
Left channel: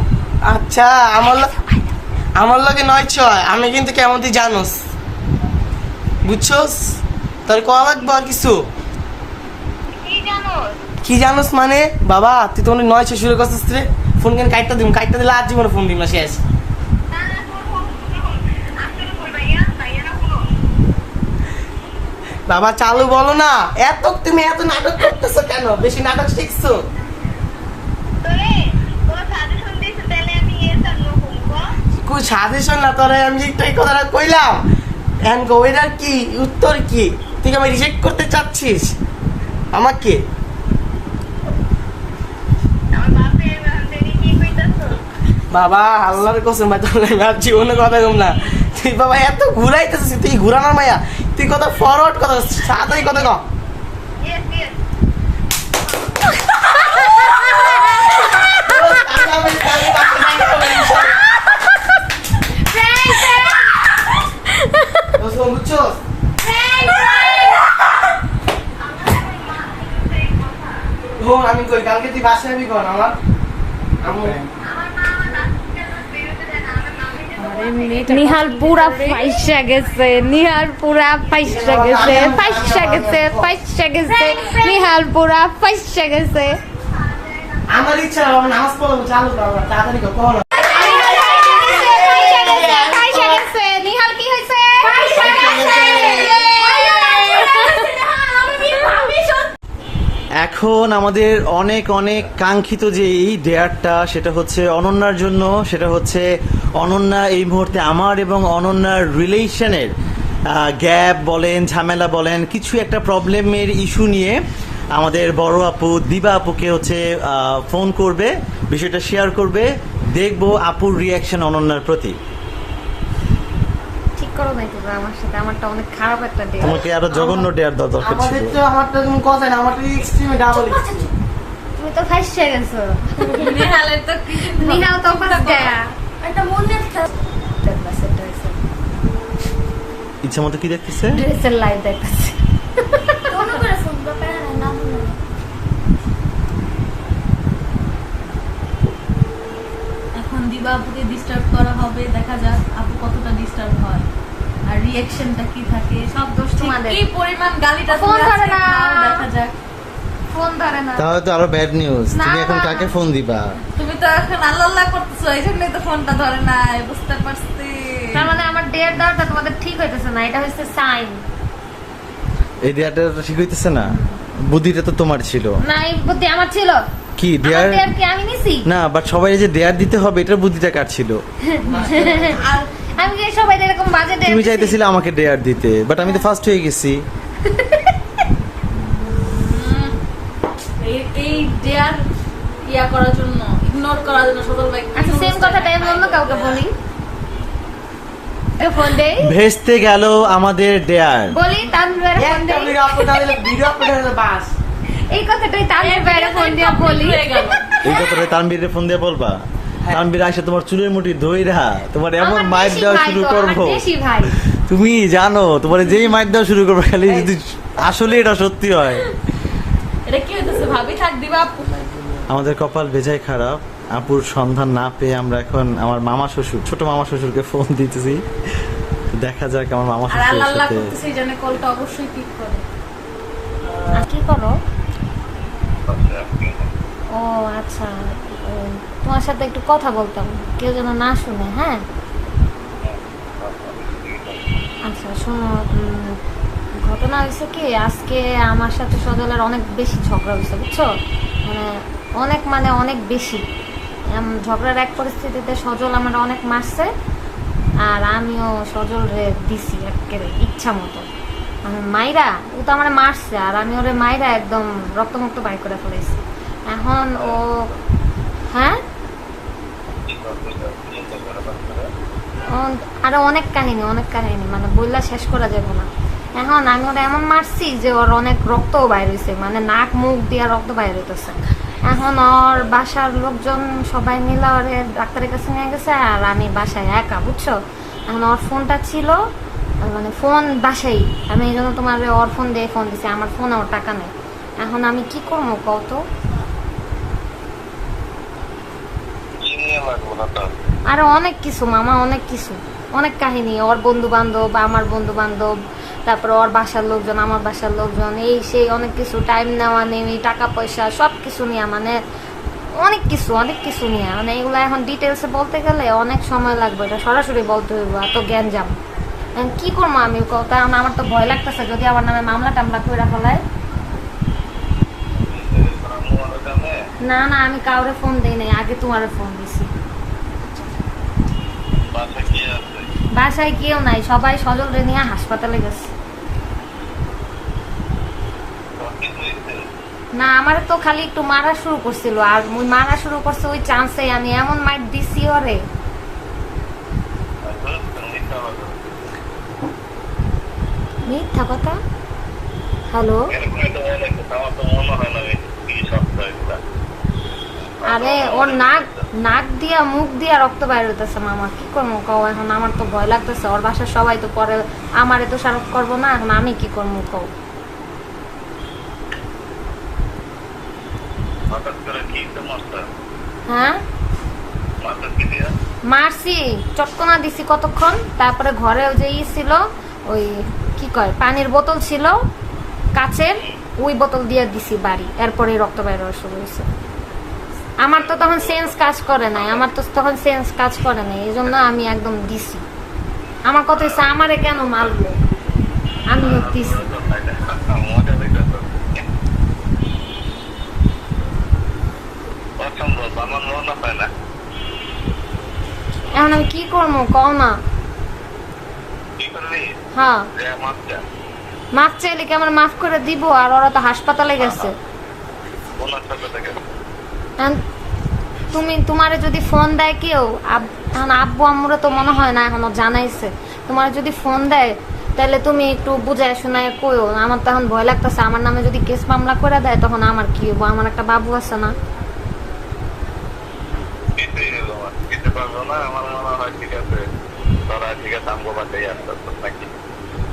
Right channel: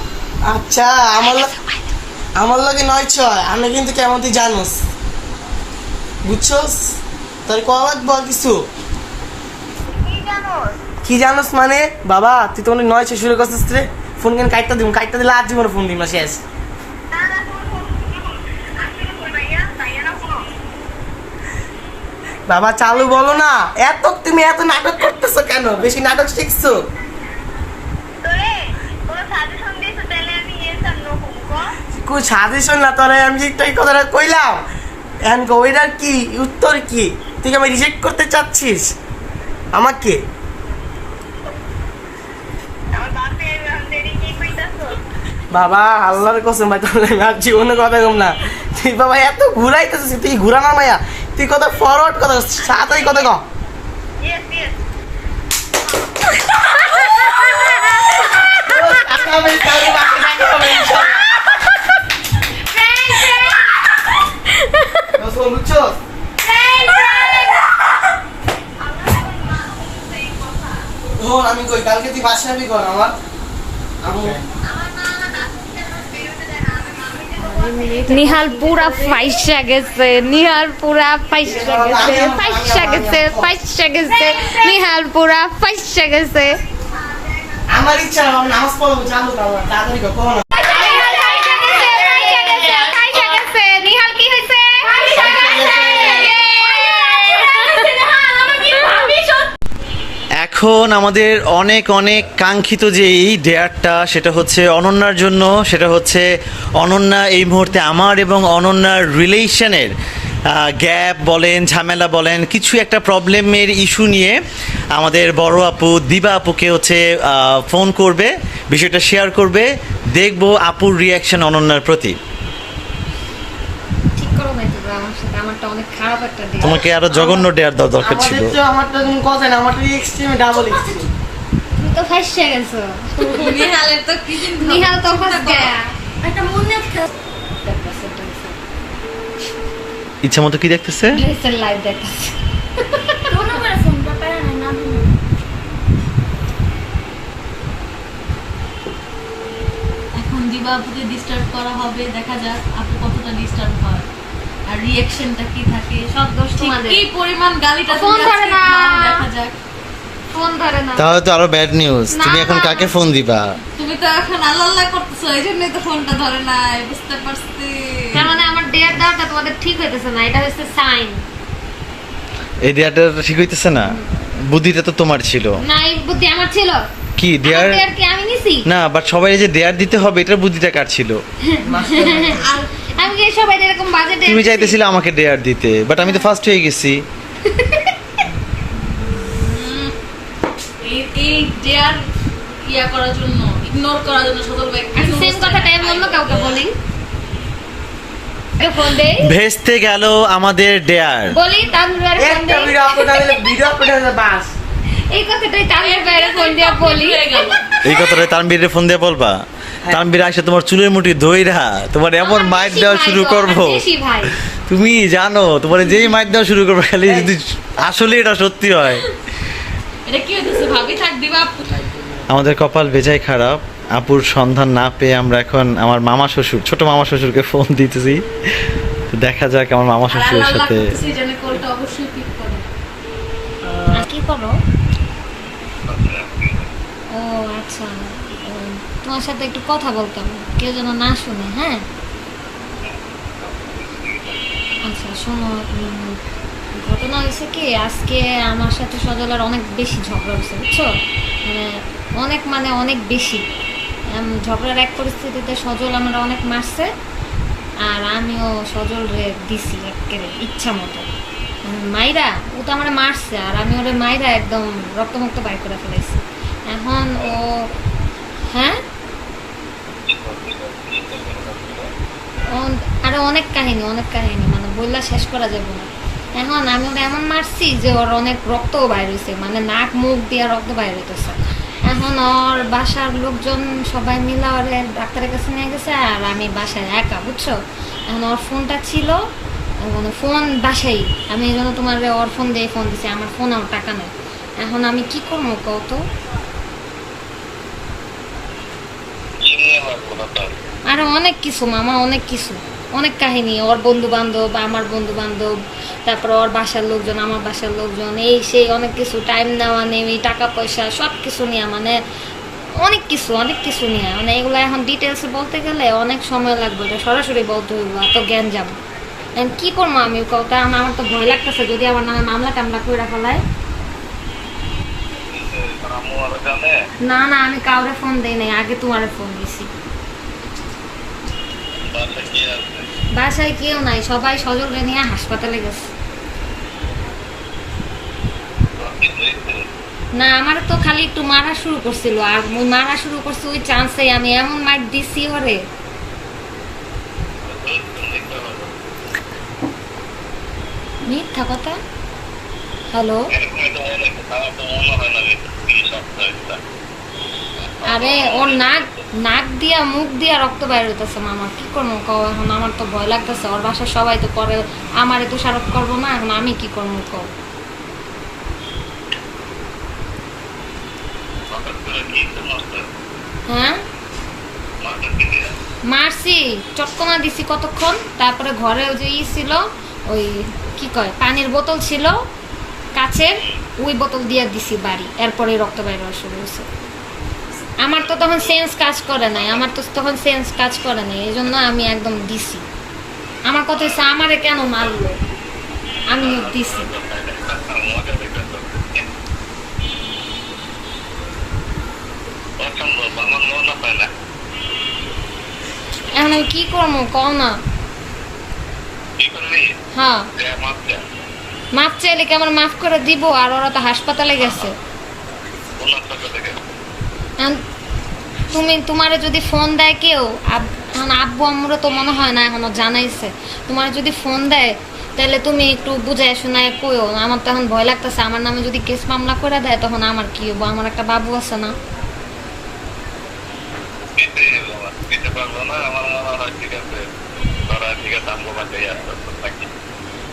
আচ্ছা আমার লগে 9-6 আমি কিন্তু কেমন তুই জানোস বুঝছস তোর কল লাগবে আর কিছু কি জানো? কি জানোস মানে বাবা তুই তো 9-6 শুরু করছিস রে ফোন কেন কাটটা দিলে আর জীবনে ফোন দিন শেষ না, না, তোমার ফোন আসলে কই ভাইয়া না কোনো। বাবা চালু বলো না তুমি এত নাটক করতেছো কেন বেশি নাটক শিখছো তোরে কোনো সাজেশন দিয়েছো তাহলে আমি yes আর no কমবো। কই সাজেশন না তোরে আমি একটাই কথাটা কইলাম এখন ওইটার কি উত্তর কি তুই কি আমি রিজেক্ট করতে চাচ্ছিস আমাকে আমার বাপে দেরি কি কইতাছো? বাবা আল্লাহর কসম ভাই তাহলে আমি জীবনে কথা কম না তুই বাবা এত ঘুরাইতেছিস তুই ঘুরানোর মাইয়া তুই কথা ফরওয়ার্ড কথা সাথেই কথা কম Yes, yes. বুঝছস শোন আমি কই কালকে তুই বাসা যাবি কর আমার নিহাল পুরা ফাইসা গেছে, নিহাল পুরা ফাইসা গেছে, ফাইসা গেছে, ফাইসা গেছে, নিহাল পুরা ফাইসা গেছে। আমার ইচ্ছা আমি নামাজ পড়বো চালু কর তাড়াতাড়ি কর কোন নিহাল ফাইসা গেছে, ফাইসা গেছে, ফাইসা গেছে। নিহাল কি হইছে? ফাইসা গেছে। এখন আমাদের অনেক অনেক কাঙ্ক্ষিত যে এই ডেয়ারটা সেটা হচ্ছে অনন্যার জন্য, সেটা হচ্ছে অনন্যা এই মুহূর্তে আমার এবং অনন্যার রিলেশনের গ্যাপ বলেন ঝামেলা বলেন কিছু একটা প্রবলেমের ইস্যু নিয়ে আমাদের বড় আপু দিবা আপুকে হচ্ছে ফোন করবে, বিষয়টা শেয়ার করবে, দেখবো আপুর রিয়াকশন অনন্যার প্রতি। ঠিক করো না এটা আমার সাথে, আমারটা অনেক খারাপ একটা ডে। তোমাকে আরো জঘন্য ডেয়ার দেওয়া দরকার ছিল। আমারটা তুমি কথা না আমারটা এক্সট্রিম ডাবল এক্সট্রিম তুমি তো ফাইসা গেছো। নিহালের তো কি নিহাল তো ফাইসা একটা মনে ইচ্ছা মতো কি দেখতেছে? ড্রেসের লাইভ দেখাচ্ছে। মনে করে ফোনটা পেরে নাই না এখন দিবা আপুকে ডিস্টার্ব করা হবে, দেখা যাক আপু কতটা ডিস্টার্ব হয় আর রিঅ্যাকশনটা কি থাকে। সব দোষ তোমাদের। কি পরিমাণ গালিটা ফোন তুমি ধরে আজকে না। খাও, দেখা যাক। ফোন ধরে না। তাহলে তো আরো ব্যাড নিউজ, তুমি এখন না। কাকে ফোন দিবা? তুমি তো এখন আল্লাহ আল্লাহ করতেছো, এই জন্যই তো ফোনটা ধরে নাই, বুঝতে পারছি। তার মানে আমার ডেয়ার দেওয়াটা তোমাদের ঠিক হইতেছে না, এটা হচ্ছে সাইন। এই দেয়ারটা ঠিক হইতেছে না, বুদ্ধিটা তো তোমার ছিল। না এই বুদ্ধি আমার ছিল। কি আমার দেয়ার? ডেয়ার কি আমি নিছি? না বাট সবাই যে দেয়ার দিতে হবে এটার বুদ্ধিটা কার ছিল? আমি কি সবাই এরকম বাজে ডেয়ার? তুমি চাইতেছিলে আমাকে দেয়ার দিতে, বাট আমি তো ফার্স্ট হয়ে গেছি। এই ডেয়ার ইয়া করার জন্য, ইগনোর করার জন্য সদর ভাই আচ্ছা সেম কথাটা আমি অন্য কাউকে বলি। ফোন দেই ভেস্তে গেল আমাদের ডেয়ার। বলি তানভীর ফোন একটা দেই। ভিডিও আপলোড হয়ে বাস এই কথাটাই তানভীর ফোন দিয়া বলি। এই কথাটা তানবীরে ফোন দিয়ে বলবা? তানবীর আসে তোমার চুলের মুঠি ধইরা তোমার এমন আমার মাইট দেশি দেওয়া ভাই শুরু গো, করবো, আমার দেশি ভাই। তুমি জানো তোমার যেই মাইট দেওয়া শুরু করবে খালি যদি আসলে এটা সত্যি হয়। এটা কি হইতেছে ভাবি? থাক দিবা আপু। আমাদের কপাল বেজায় খারাপ, আপুর সন্ধান না পেয়ে আমরা এখন আমার মামা শ্বশুর ছোট মামা শ্বশুরকে ফোন দিতেছি, দেখা যাক আমার মামা আর শ্বশুরের আল্লাহ সাথে। করতেছে এই জন্য কলটা অবশ্যই পিক করো। আর কি করো? ও আচ্ছা তোমার সাথে একটু কথা বলতাম, কেউ যেন না শুনে। হ্যাঁ আচ্ছা শোনো, ঘটনা হয়েছে কি, আজকে আমার সাথে সজলের অনেক বেশি ঝগড়া হয়েছে বুঝছো, মানে অনেক বেশি। ঝগড়ার এক পরিস্থিতিতে সজল আমার অনেক মারছে, আর আমিও সজল রে দিছি একেবারে ইচ্ছা মতো। আমি মাইরা, ও তো আমার মারছে, আর আমি ওরে মাইরা একদম রক্তমুক্ত বাইর করে ফেলেছি। এখন ও, হ্যাঁ, আরো অনেক কাহিনী মানে বললা শেষ করা যাবে না। এখন আমি ওরা এমন মারছি যে ওর অনেক রক্তও বাইর হয়েছে, মানে নাক মুখ দিয়ে রক্ত বাইর হইতেছে। এখন ওর বাসার লোকজন সবাই মিলে ওরে ডাক্তারের কাছে নিয়ে গেছে, আর আমি বাসায় একা বুঝছো। এখন ওর ফোনটা ছিল, মানে ফোন বাসাই, আমি এই জন্য তোমার ওর ফোন দিয়ে ফোন দিছি, আমার ফোন ওর টাকা নেই। এখন আমি কি করবো কত? আরো অনেক কিছু মামা, অনেক কিছু, অনেক কাহিনী। ওর বন্ধু বান্ধব, আমার বন্ধু বান্ধব, তারপর ওর বাসার লোকজন, আমার বাসার লোকজন, এই সেই অনেক কিছু, টাইম নেওয়া নেই, টাকা পয়সা সব কিছু নিয়ে, মানে অনেক কিছু নিয়ে, মানে এগুলো এখন ডিটেলসে বলতে গেলে অনেক সময় লাগবে, এটা সরাসরি বলতে হইব, এত জ্ঞান যাবো। কি করবো আমি কত? আমার তো ভয় লাগতেছে যদি আমার নামে মামলা টামলা করে ফেলায়। না না, আমি কাউরে ফোন দেই নাই, আগে তোমারে ফোন দিছি। বাসায় কেউ নাই, সবাই সজলরে নিয়ে হাসপাতালে গেছে। না, আমার তো খালি একটু মারা শুরু করছিল, আর ওই মারা শুরু করছে ওই চান্সে আমি এমন মাইট দিছি ওরে। মিথ্যা কথা। হ্যালো, আরে ওর নাক দিয়া মুখ দিয়া রক্ত বাইর হইতেছে মামা, কি করবো কও? এখন আমার তো ভয় লাগতেছে, ওর বাসার সবাই তো পরে আমারে তো দোষারোপ করবো না, এখন আমি কি করবো কও? হ্যাঁ, মারছি, চটকনা দিছি কতক্ষণ, তারপরে ঘরে ওই যে ছিল, ওই কি কয় পানির বোতল ছিল কাচের, ওই বোতল দিয়ে দিছি বাড়ি, এরপরে রক্ত বাইর হওয়া শুরু হয়েছে। আমার তো তখন সেন্স কাজ করে নাই, এই জন্য আমি একদম দিছি। আমার কথা হচ্ছে আমারে কেন মারলো, আমি দিছি। এখন আমি কি করবো কও না? হ্যাঁ, মাফ চাইলে কি আমার মাফ করে দিব? আর ওরা তো হাসপাতালে গেছে। তোমারে যদি ফোন দেয় কেউ, এখন আব্বু আম্মুরা তো মনে হয় না এখনো জানাইছে, তোমার যদি ফোন দেয় তাহলে তুমি একটু বুঝায় শোনায় কইও। আমার তো এখন ভয় লাগতেছে, আমার নামে যদি কেস মামলা করে দেয় তখন আমার কি হবো? আমার একটা বাবু আছে না।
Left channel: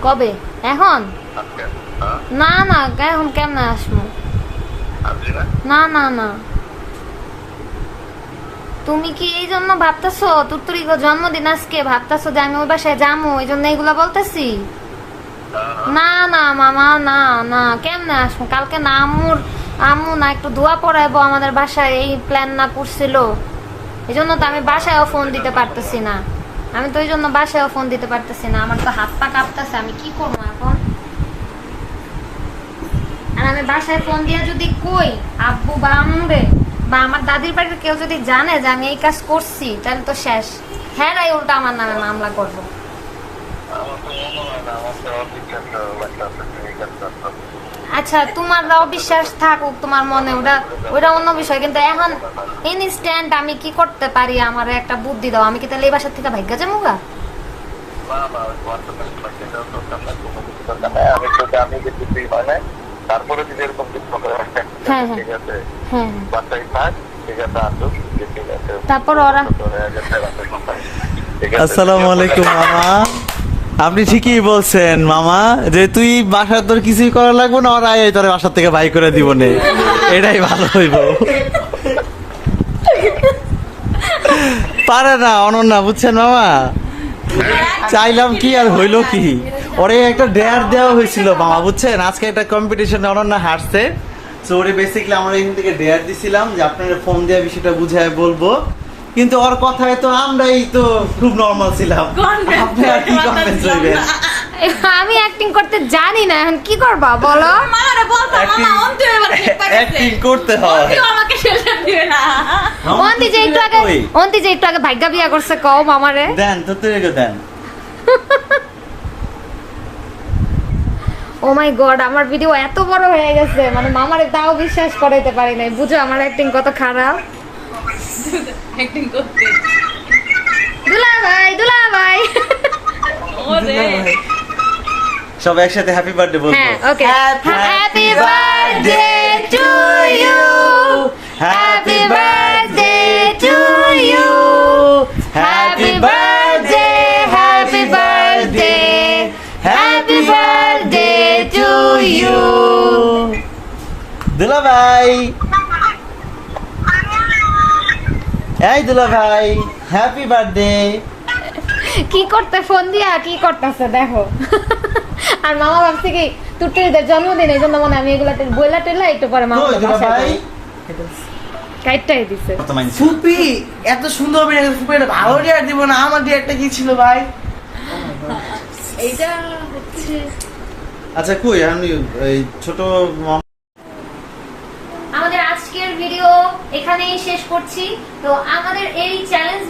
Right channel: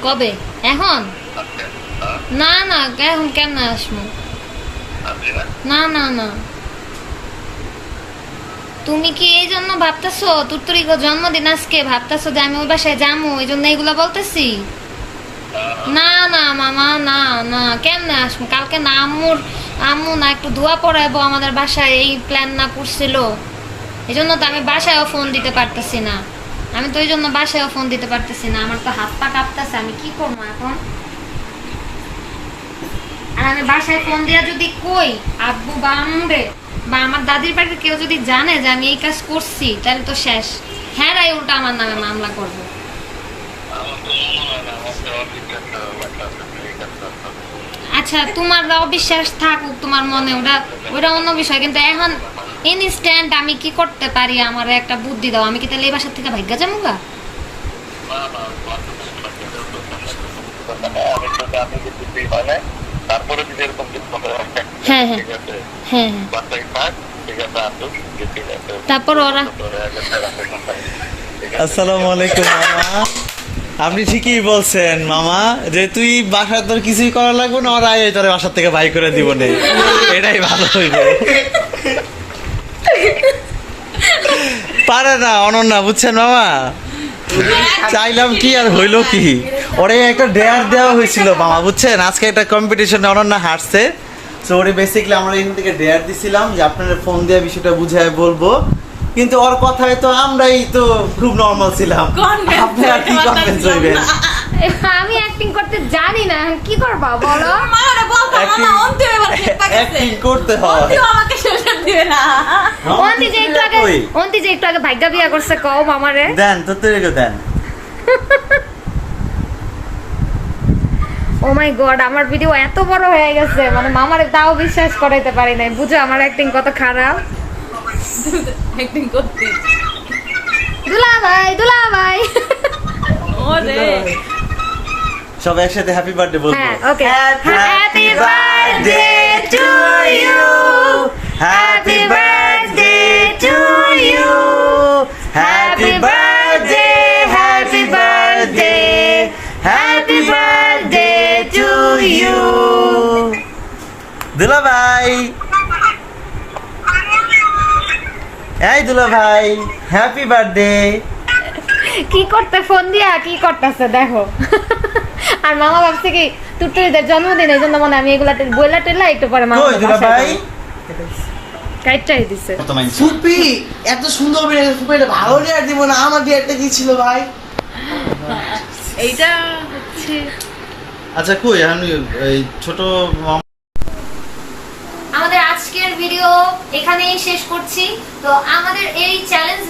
কবে? এখন না না, এখন কেমনে আসবো? না না না, তুমি কি এই জন্য ভাবতেছো তুরতুরি জন্মদিন আজকে ভাবতেছো যে আমি ওই বাসায় যাবো, এই জন্য এইগুলা বলতেছি? না না মামা, না না, কেমনে আসবো? কালকে না আম্মু না একটু দোয়া পড়াইবো আমাদের বাসায়, এই প্ল্যান না করছিল, এই জন্য তো আমি বাসায়ও ফোন দিতে পারতেছি না। আমার তো হাত পা কাঁপতেছে, আমি কি করবো এখন? আর আমি বাসায় ফোন দিয়া যদি কই আব্বু বা আম্মুরে বা আমার দাদির বাড়িতে কেউ যদি জানে যে আমি এই কাজ করছি, তাহলে তো শেষ, হ্যাঁ রাই উল্টা আমার নামে মামলা করবো। আচ্ছা, তোমার অবিশ্বাস থাকুক তোমার মনে, ওটা অন্য বিষয়, কিন্তু এখন ইনস্ট্যান্ট আমি কি করতে পারি? আমার একটা বুদ্ধি দাও, আমি কি তাহলে এই বাসার থেকে ভাগ্যা যামুগা? তারপরে যদি এরকম হ্যাঁ হ্যাঁ হ্যাঁ, তারপর ওরা। আসসালামু আলাইকুম মামা, আপনি ঠিকই বলছেন মামা, যে তুই বাসা তোর কিছুই করা লাগবে না, ওরা তোর বাসার থেকে বাই করে দিব নে, এটাই ভালো হইবে। পারে না অনন্যা, বুঝছেন মামা, চাইলাম কি আর হইলো কি, ওরে একটা ডেয়ার দেওয়া হয়েছিল মামা, বুঝছেন, আজকে একটা কম্পিটিশনে অনন্যা হারছে, সো ওরে বেসিক্যালি আমরা এখান থেকে ডেয়ার দিছিলাম যে আপনারা ফোন দিয়ে বিষয়টা বুঝায় বলবো, কিন্তু ওর কথায় তো আমরাই তো খুব নর্মাল ছিলাম, আপনি আর কি কনভিন্স হইবেন? আমি অ্যাক্টিং করতে জানি না, এখন কি করবা বলো? অ্যাক্টিং করতে হয়। অন্তি যে একটু আগে ভাগ্যা বিয়া করছে, কও মামারে। দেন তো তুই দেন। ও মাই গড, আমার ভিডিও এত বড় হয়ে গেছে, মানে মামারে তাও বিশ্বাস করাইতে পারি নাই। বুঝো আমার অ্যাক্টিং কত খারাপ। দুলা ভাই সব একসাথে হ্যাপি বার্থডে বলবো। হ্যাঁ, okay. Happy birthday to you, happy birthday to you, happy birthday, happy birthday, happy birthday to you. দুলা ভাই, এই দুলা ভাই, হ্যাপি বার্থডে। কি করতে ফোন দিয়া কি করতেছে দেখো। আর মামা ভাবছে কি টুটুরিদের জন্মদিন, এই জন্য মনে হয় আমি এগুলা বইলা টেলা একটু পরে মামা কই দুলা ভাই? কাইটাই দিছে। কত মাইন্ড? ফুপি এত সুন্দর অভিনয়, ফুপি একটা ভালো ডিয়ার দিব না, আমার ডিয়ারটা কি ছিল ভাই? এইটা হচ্ছে আচ্ছা কই আমি এই ছোট আমাদের আজকের ভিডিও এখানেই শেষ করছি। তো আমাদের এই চ্যালেঞ্জ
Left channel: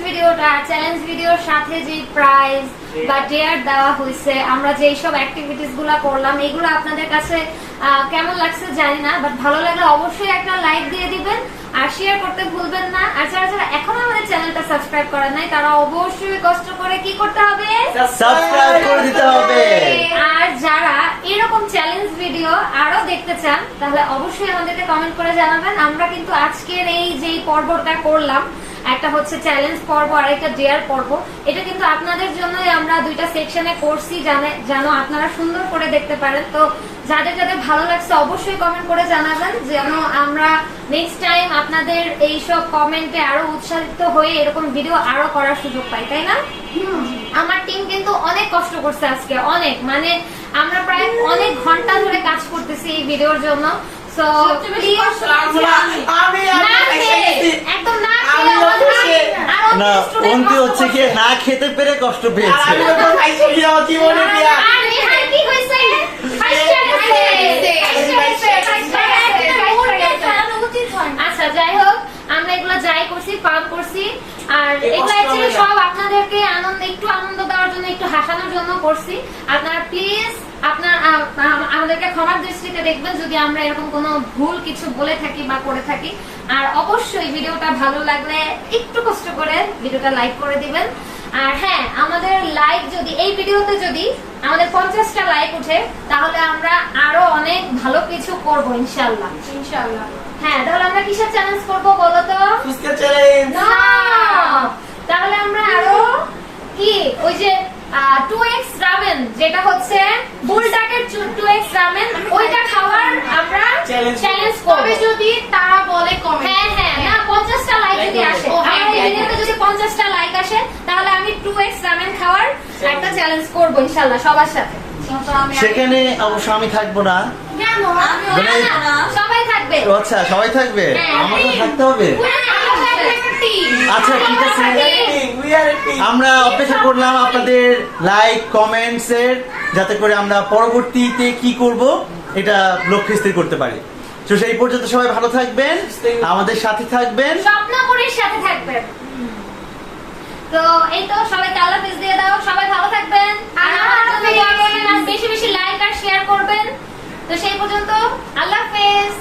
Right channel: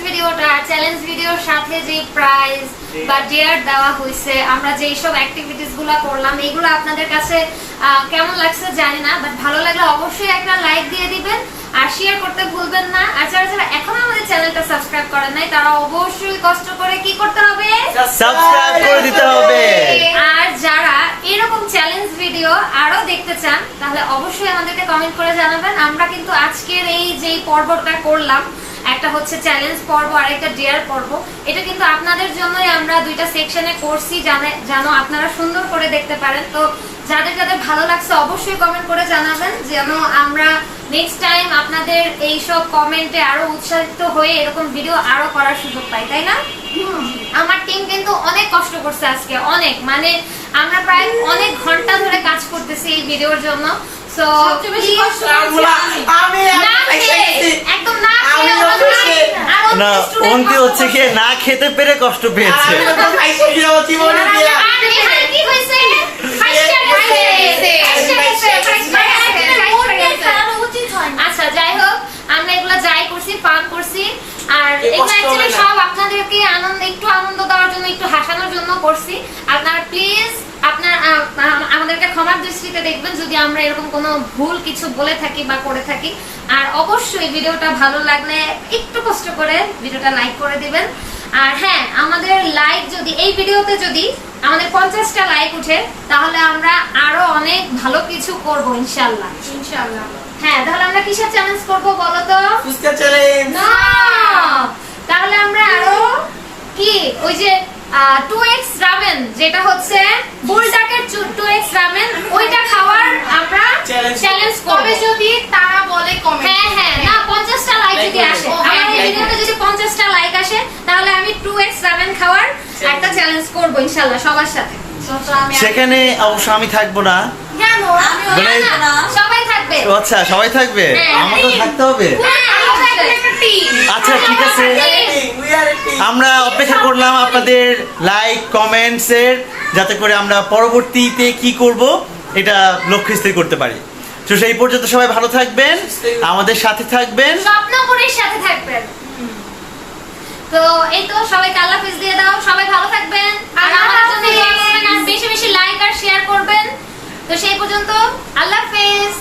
ভিডিওর সাথে যে প্রাইজ বা ডেয়ার দেওয়া হয়েছে, আমরা যে সব অ্যাক্টিভিটিস গুলা করলাম, এগুলো আপনাদের কাছে কেমন লাগছে জানি না, বাট ভালো লাগলে অবশ্যই একটা লাইক দিয়ে দিবেন আর শেয়ার করতে ভুলবেন না। আর যারা এখনো আমাদের চ্যানেলটা সাবস্ক্রাইব করেন নাই, তারা অবশ্যই কষ্ট করে কি করতে হবে? সাবস্ক্রাইব করে দিতে হবে। আর যারা এরকম চ্যালেঞ্জ ভিডিও আরো দেখতে চান, তাহলে অবশ্যই আমাদেরকে কমেন্ট করে জানাবেন। আমরা কিন্তু আজকের এই যে পর্বটা করলাম, একটা হচ্ছে চ্যালেঞ্জ পর্ব আর একটা ডেয়ার পর্ব, এটা কিন্তু আপনাদের জন্যই আমরা দুইটা সেকশনে করছি, যেন আপনারা সুন্দর করে দেখতে পারেন। তো যাদের যাদের ভালো লাগছে অবশ্যই কমেন্ট করে জানাবেন, যেন আমরা নেক্সট টাইম আপনাদের এইসব কমেন্টে আরো উৎসাহিত হয়ে এরকম ভিডিও আরো করার সুযোগ পাই, তাই না? আমার টিম কিন্তু অনেক কষ্ট করছে আজকে, অনেক, মানে আমরা প্রায় অনেক ঘন্টা ধরে কাজ করতেছি এই ভিডিওর জন্য। সো আমি একদম না না অন্তি হচ্ছে কি না খেতে পেরে কষ্ট পেয়েছে। আমি তো খাইছি কিনা জীবনে দিয়া। কি হইছে? আচ্ছা যাই হোক, আমরা এগুলো যাই করছি ফান করছি, আর এগুলো অ্যাকচুয়ালি সব আপনাদেরকে একটু আনন্দ দেওয়ার জন্য, একটু হাসানোর জন্য করছি। আপনারা প্লিজ আমাদেরকে ক্ষমার দৃষ্টিতে দেখবেন যদি আমরা এরকম কোনো ভুল কিছু বলে থাকি বা করে থাকি। আর অবশ্যই ভিডিওটা ভালো লাগলে একটু কষ্ট করে ভিডিওটা লাইক করে দিবেন। আর হ্যাঁ, আমাদের লাইক যদি এই ভিডিওতে যদি আমাদের 50টা লাইক উঠে, তাহলে আমরা আরো অনেক ভালো কিছু করব ইনশাআল্লাহ। হ্যাঁ, তাহলে আমরা কিসের চ্যালেঞ্জ করব বলো তো? ফুচকা চ্যালেঞ্জ। না, তাহলে আমরা আরো কি ওই যে 2x রামেন, যেটা হচ্ছে বুলডাকের 2x রামেন, ওইটা খাওয়ার আমরা চ্যালেঞ্জ করব যদি তারা বলে কমেন্ট। হ্যাঁ, না 50টা লাইক যদি আসে, আমার এই ভিডিওতে যদি 50টা লাইক আসে, তাহলে আমি 2x রামেন খাওয়ার একটা চ্যালেঞ্জ করব ইনশাআল্লাহ সবার সাথে। সেখানে অবশ্য আমি থাকবো না। কেন? না, সবাই থাকবে। ও আচ্ছা, সবাই থাকবে, আমাকেও থাকতে হবে। আচ্ছা ঠিক আছে, আমরা অপেক্ষা করলাম আপনাদের লাইক কমেন্টস এর, যাতে করে আমরা পরবর্তীতে কি করব এটা লক্ষ্য স্থির করতে পারি। তো সেই পর্যন্ত সবাই ভালো থাকবেন, আমাদের সাথে থাকবেন, স্বপ্নপুরীর সাথে থাকবেন। তো এই তো, সবাইকে আল্লাহ হাফেজ দিয়ে দাও, সবাই ভালো থাকবেন আর আমার জন্য দোয়া করবেন আর বেশি বেশি লাইক আর শেয়ার করবেন। তো সেই পর্যন্ত আল্লাহ হাফেজ।